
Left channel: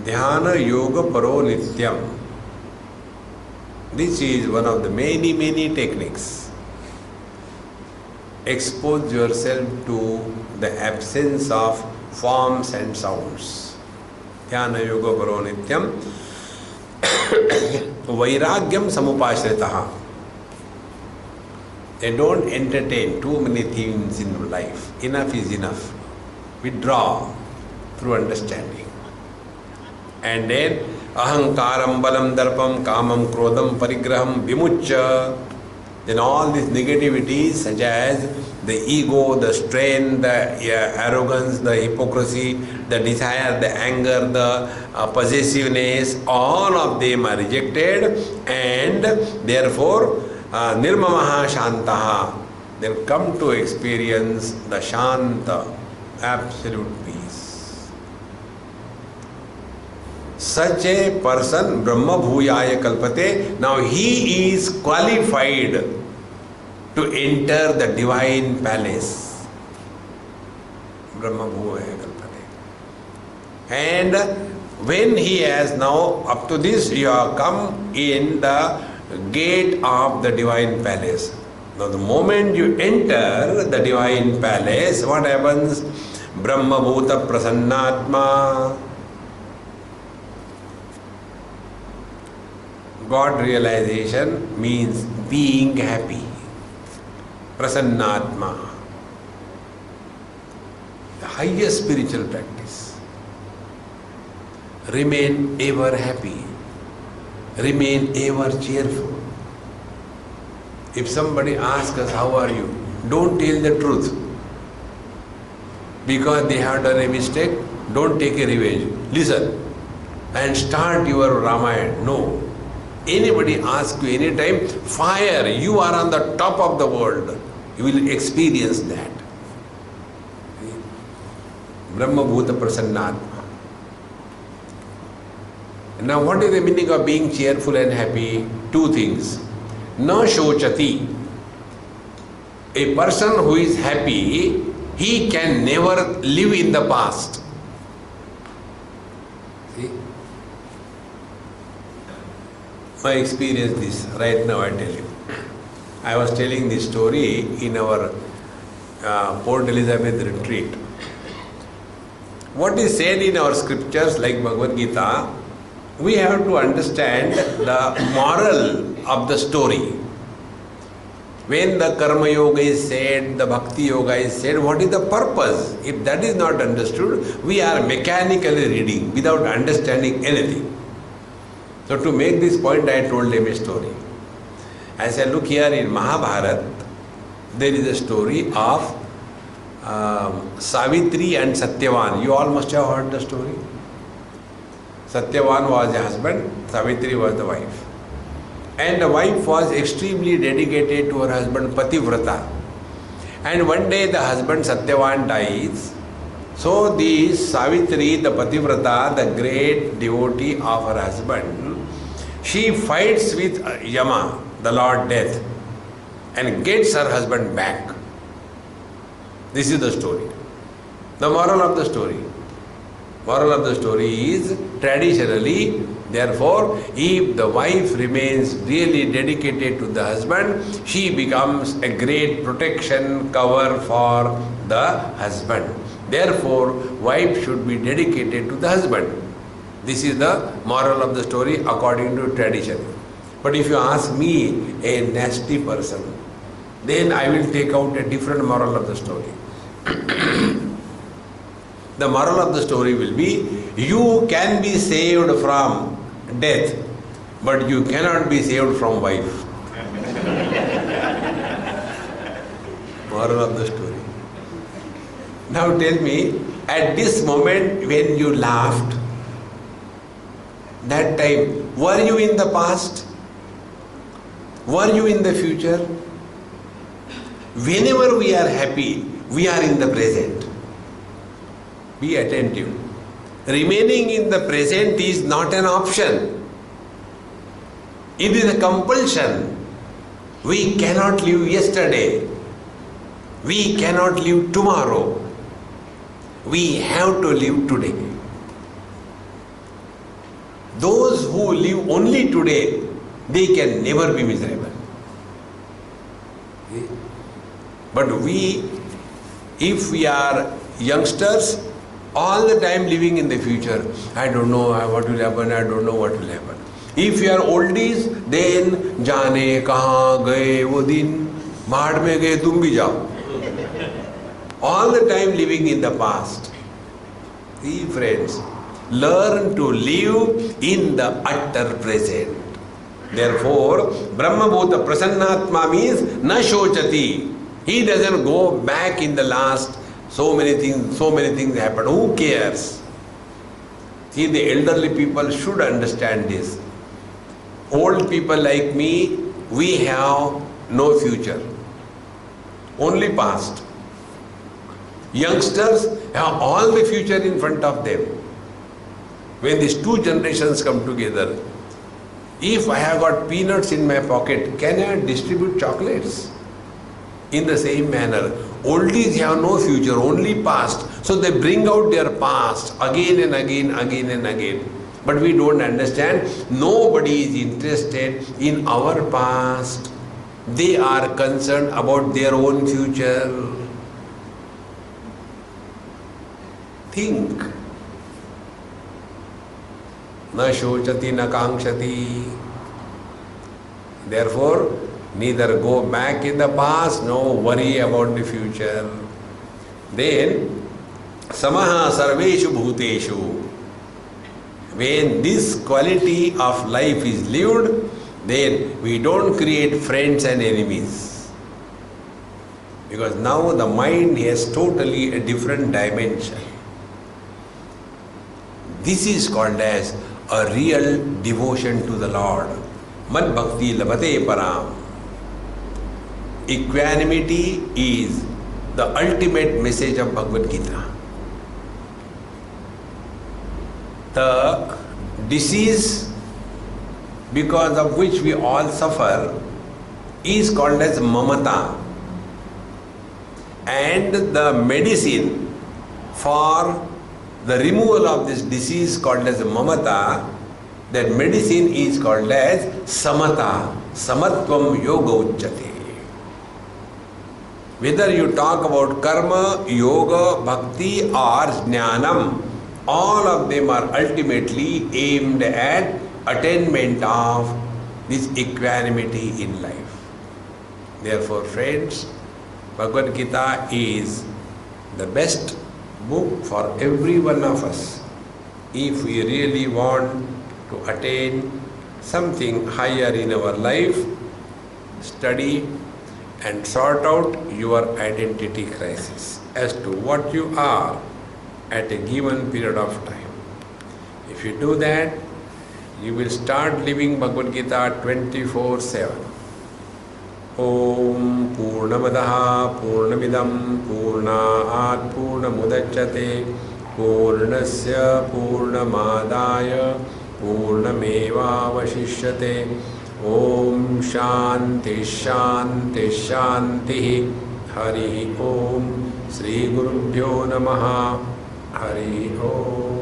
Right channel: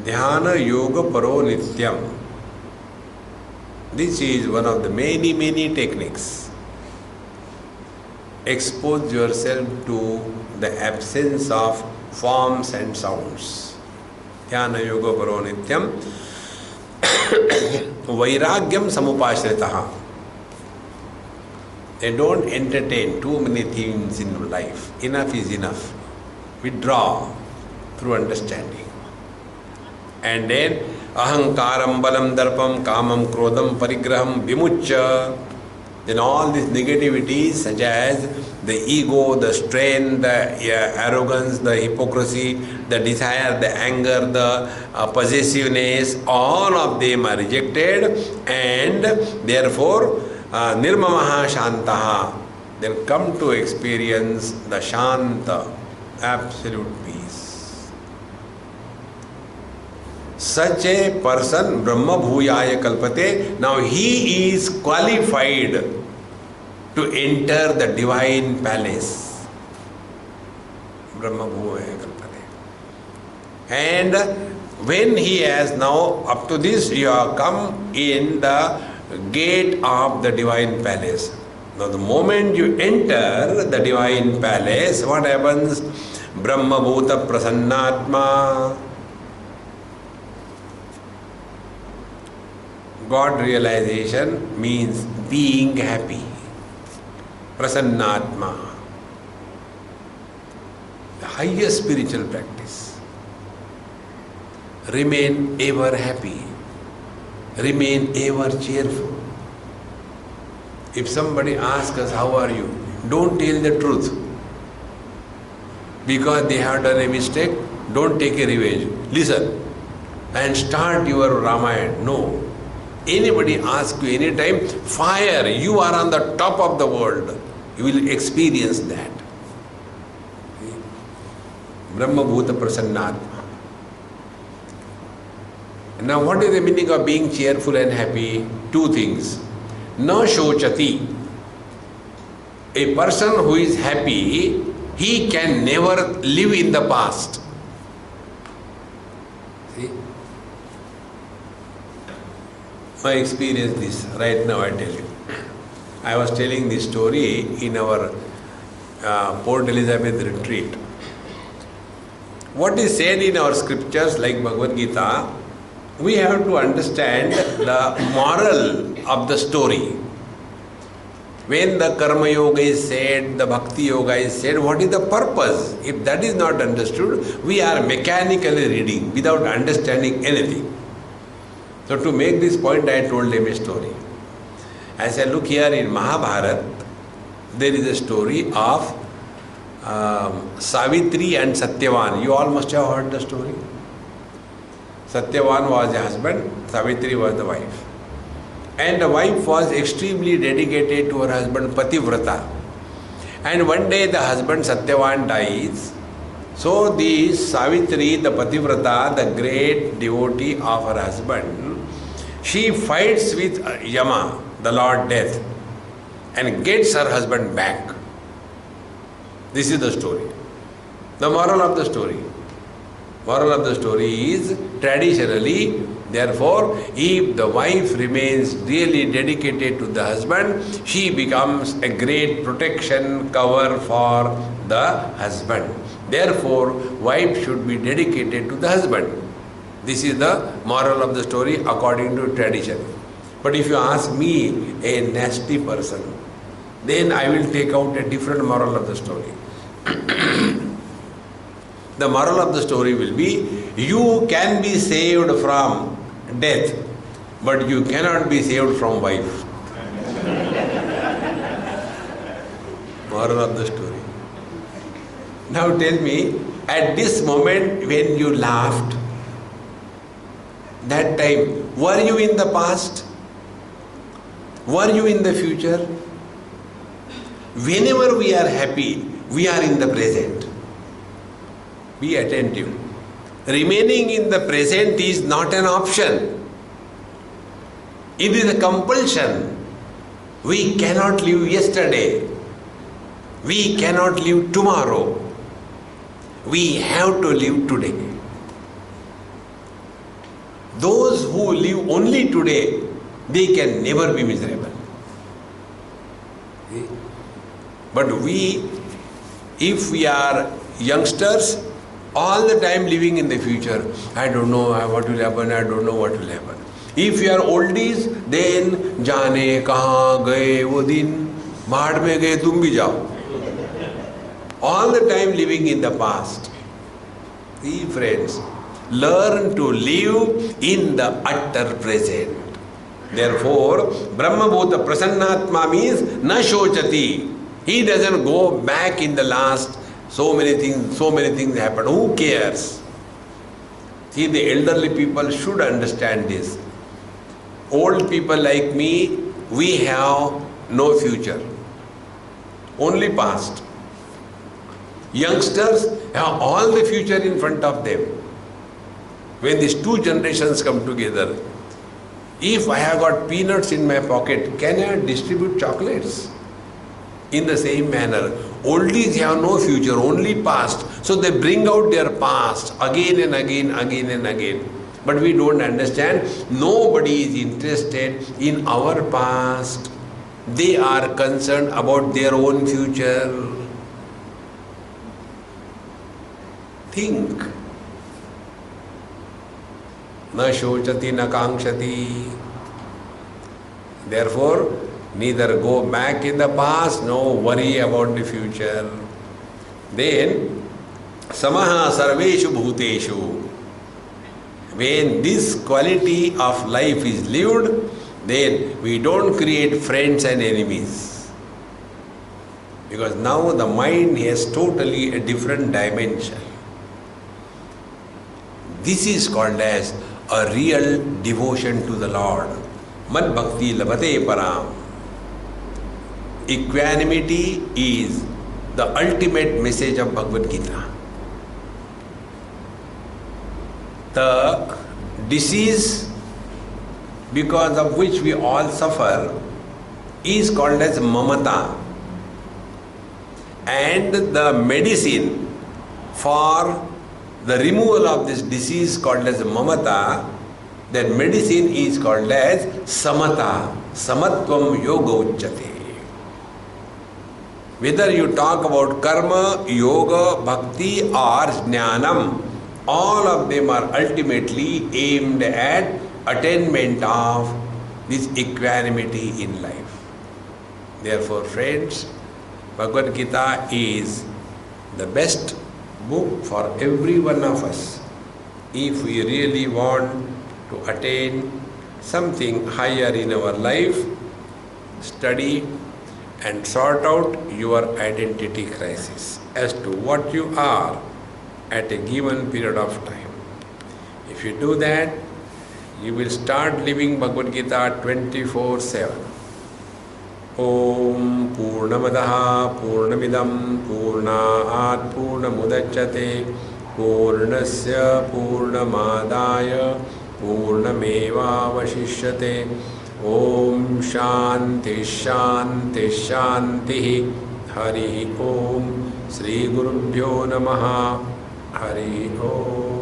Dhyana Yoga Paro Nityam. This is one of the many techniques. Expose yourself to the absence of forms and sounds. Dhyana Yoga Paro Nityam. Vairagyam Samupashritaha. They don't entertain too many things in life. Enough is enough. Withdraw through understanding. And then ahankaram balam darpam kamam krodam parigraham vimuccha. Then all these negativities such as the ego, the strain, the arrogance, the hypocrisy, the desire, the anger, the possessiveness, all of them are rejected, and therefore nirmamaha shantaha. Then come to experience the shanta, absolute peace. Such a person, Brahma Bhuyaya Kalpate, now he is qualified to enter the divine palace. Brahma Bhuyaya Kalpate. And when he has now, up to this, you have come in the gate of the divine palace. Now the moment you enter the divine palace, what happens? Brahma Bhuta Prasannatma. God realization means being happy. Prasannatma. The highest spiritual practice. Remain ever happy. Remain ever cheerful. If somebody asks us, how are you? Don't tell the truth. Because they have done a mistake, don't take a revenge. Listen and start your Ramayana. No. Anybody asks you anytime, fire, you are on the top of the world. You will experience that. Brahma Bhuta Prasannatma. Now what is the meaning of being cheerful and happy? Two things. Na shochati. A person who is happy, he can never live in the past. See? I experienced this right now, I tell you. I was telling this story in our Port Elizabeth retreat. What is said in our scriptures like Bhagavad Gita, we have to understand the moral of the story. When the Karma Yoga is said, the Bhakti Yoga is said, what is the purpose? If that is not understood, we are mechanically reading without understanding anything. So to make this point, I told him a story. I said, look here in Mahabharata, there is a story of Savitri and Satyavan. You all must have heard the story. Satyavan was the husband, Savitri was the wife. And the wife was extremely dedicated to her husband Pativrata. And one day the husband Satyavan dies So the Savitri, the Pativrata, the great devotee of her husband, she fights with Yama, the Lord Death, and gets her husband back. This is the story. The moral of the story. Moral of the story is, traditionally, therefore, if the wife remains really dedicated to the husband, she becomes a great protection cover for the husband. Therefore, wife should be dedicated to the husband. This is the moral of the story according to tradition. But if you ask me, a nasty person, then I will take out a different moral of the story. The moral of the story will be, you can be saved from death, but you cannot be saved from wife. Moral of the story. Now tell me, at this moment when you laughed, that time, were you in the past? Were you in the future? Whenever we are happy, we are in the present. Be attentive. Remaining in the present is not an option. It is a compulsion. We cannot live yesterday. We cannot live tomorrow. We have to live today. Those who live only today, they can never be miserable. But if we are youngsters, all the time living in the future, I don't know what will happen, I don't know what will happen. If you are oldies, then जाने कहाँ गए वो दिन, भाड़ में गए तुम भी जाओ. All the time living in the past. See friends, learn to live in the utter present. Therefore, Brahmabhuta Prasannatma means na shochati. He doesn't go back in the last. So many things happen. Who cares? See, the elderly people should understand this. Old people like me, we have no future, only past. Youngsters have all the future in front of them. When these two generations come together, if I have got peanuts in my pocket, can I distribute chocolates? In the same manner, oldies have no future, only past. So they bring out their past again and again, again and again. But we don't understand. Nobody is interested in our past. They are concerned about their own future. Think. Na shochati na kankshati. Therefore, neither go back in the past, nor worry about the future. Then, samaha sarveshu bhuteshu. When this quality of life is lived, then we don't create friends and enemies. Because now the mind has totally a different dimension. This is called as a real devotion to the Lord. Mad bhakti labate param. Equanimity is the ultimate message of Bhagavad Gita. The disease because of which we all suffer is called as mamata. And the medicine for the removal of this disease called as mamata, that medicine is called as samata. Samatvam yoga uchyate. Whether you talk about karma, yoga, bhakti or jnanam, all of them are ultimately aimed at attainment of this equanimity in life. Therefore, friends, Bhagavad Gita is the best book for every one of us. If we really want to attain something higher in our life, study and sort out your identity crisis as to what you are at a given period of time. If you do that, you will start living Bhagavad Gita 24/7. ओम पूर्णमदः पूर्णमिदं पूर्णात् पूर्णमुदच्यते पूर्णस्य पूर्णमादाय पूर्णमेवावशिष्यते। ओम शांति शांति शांति। हरि ओम। श्री गुरुभ्यो नमः। हरि ओम।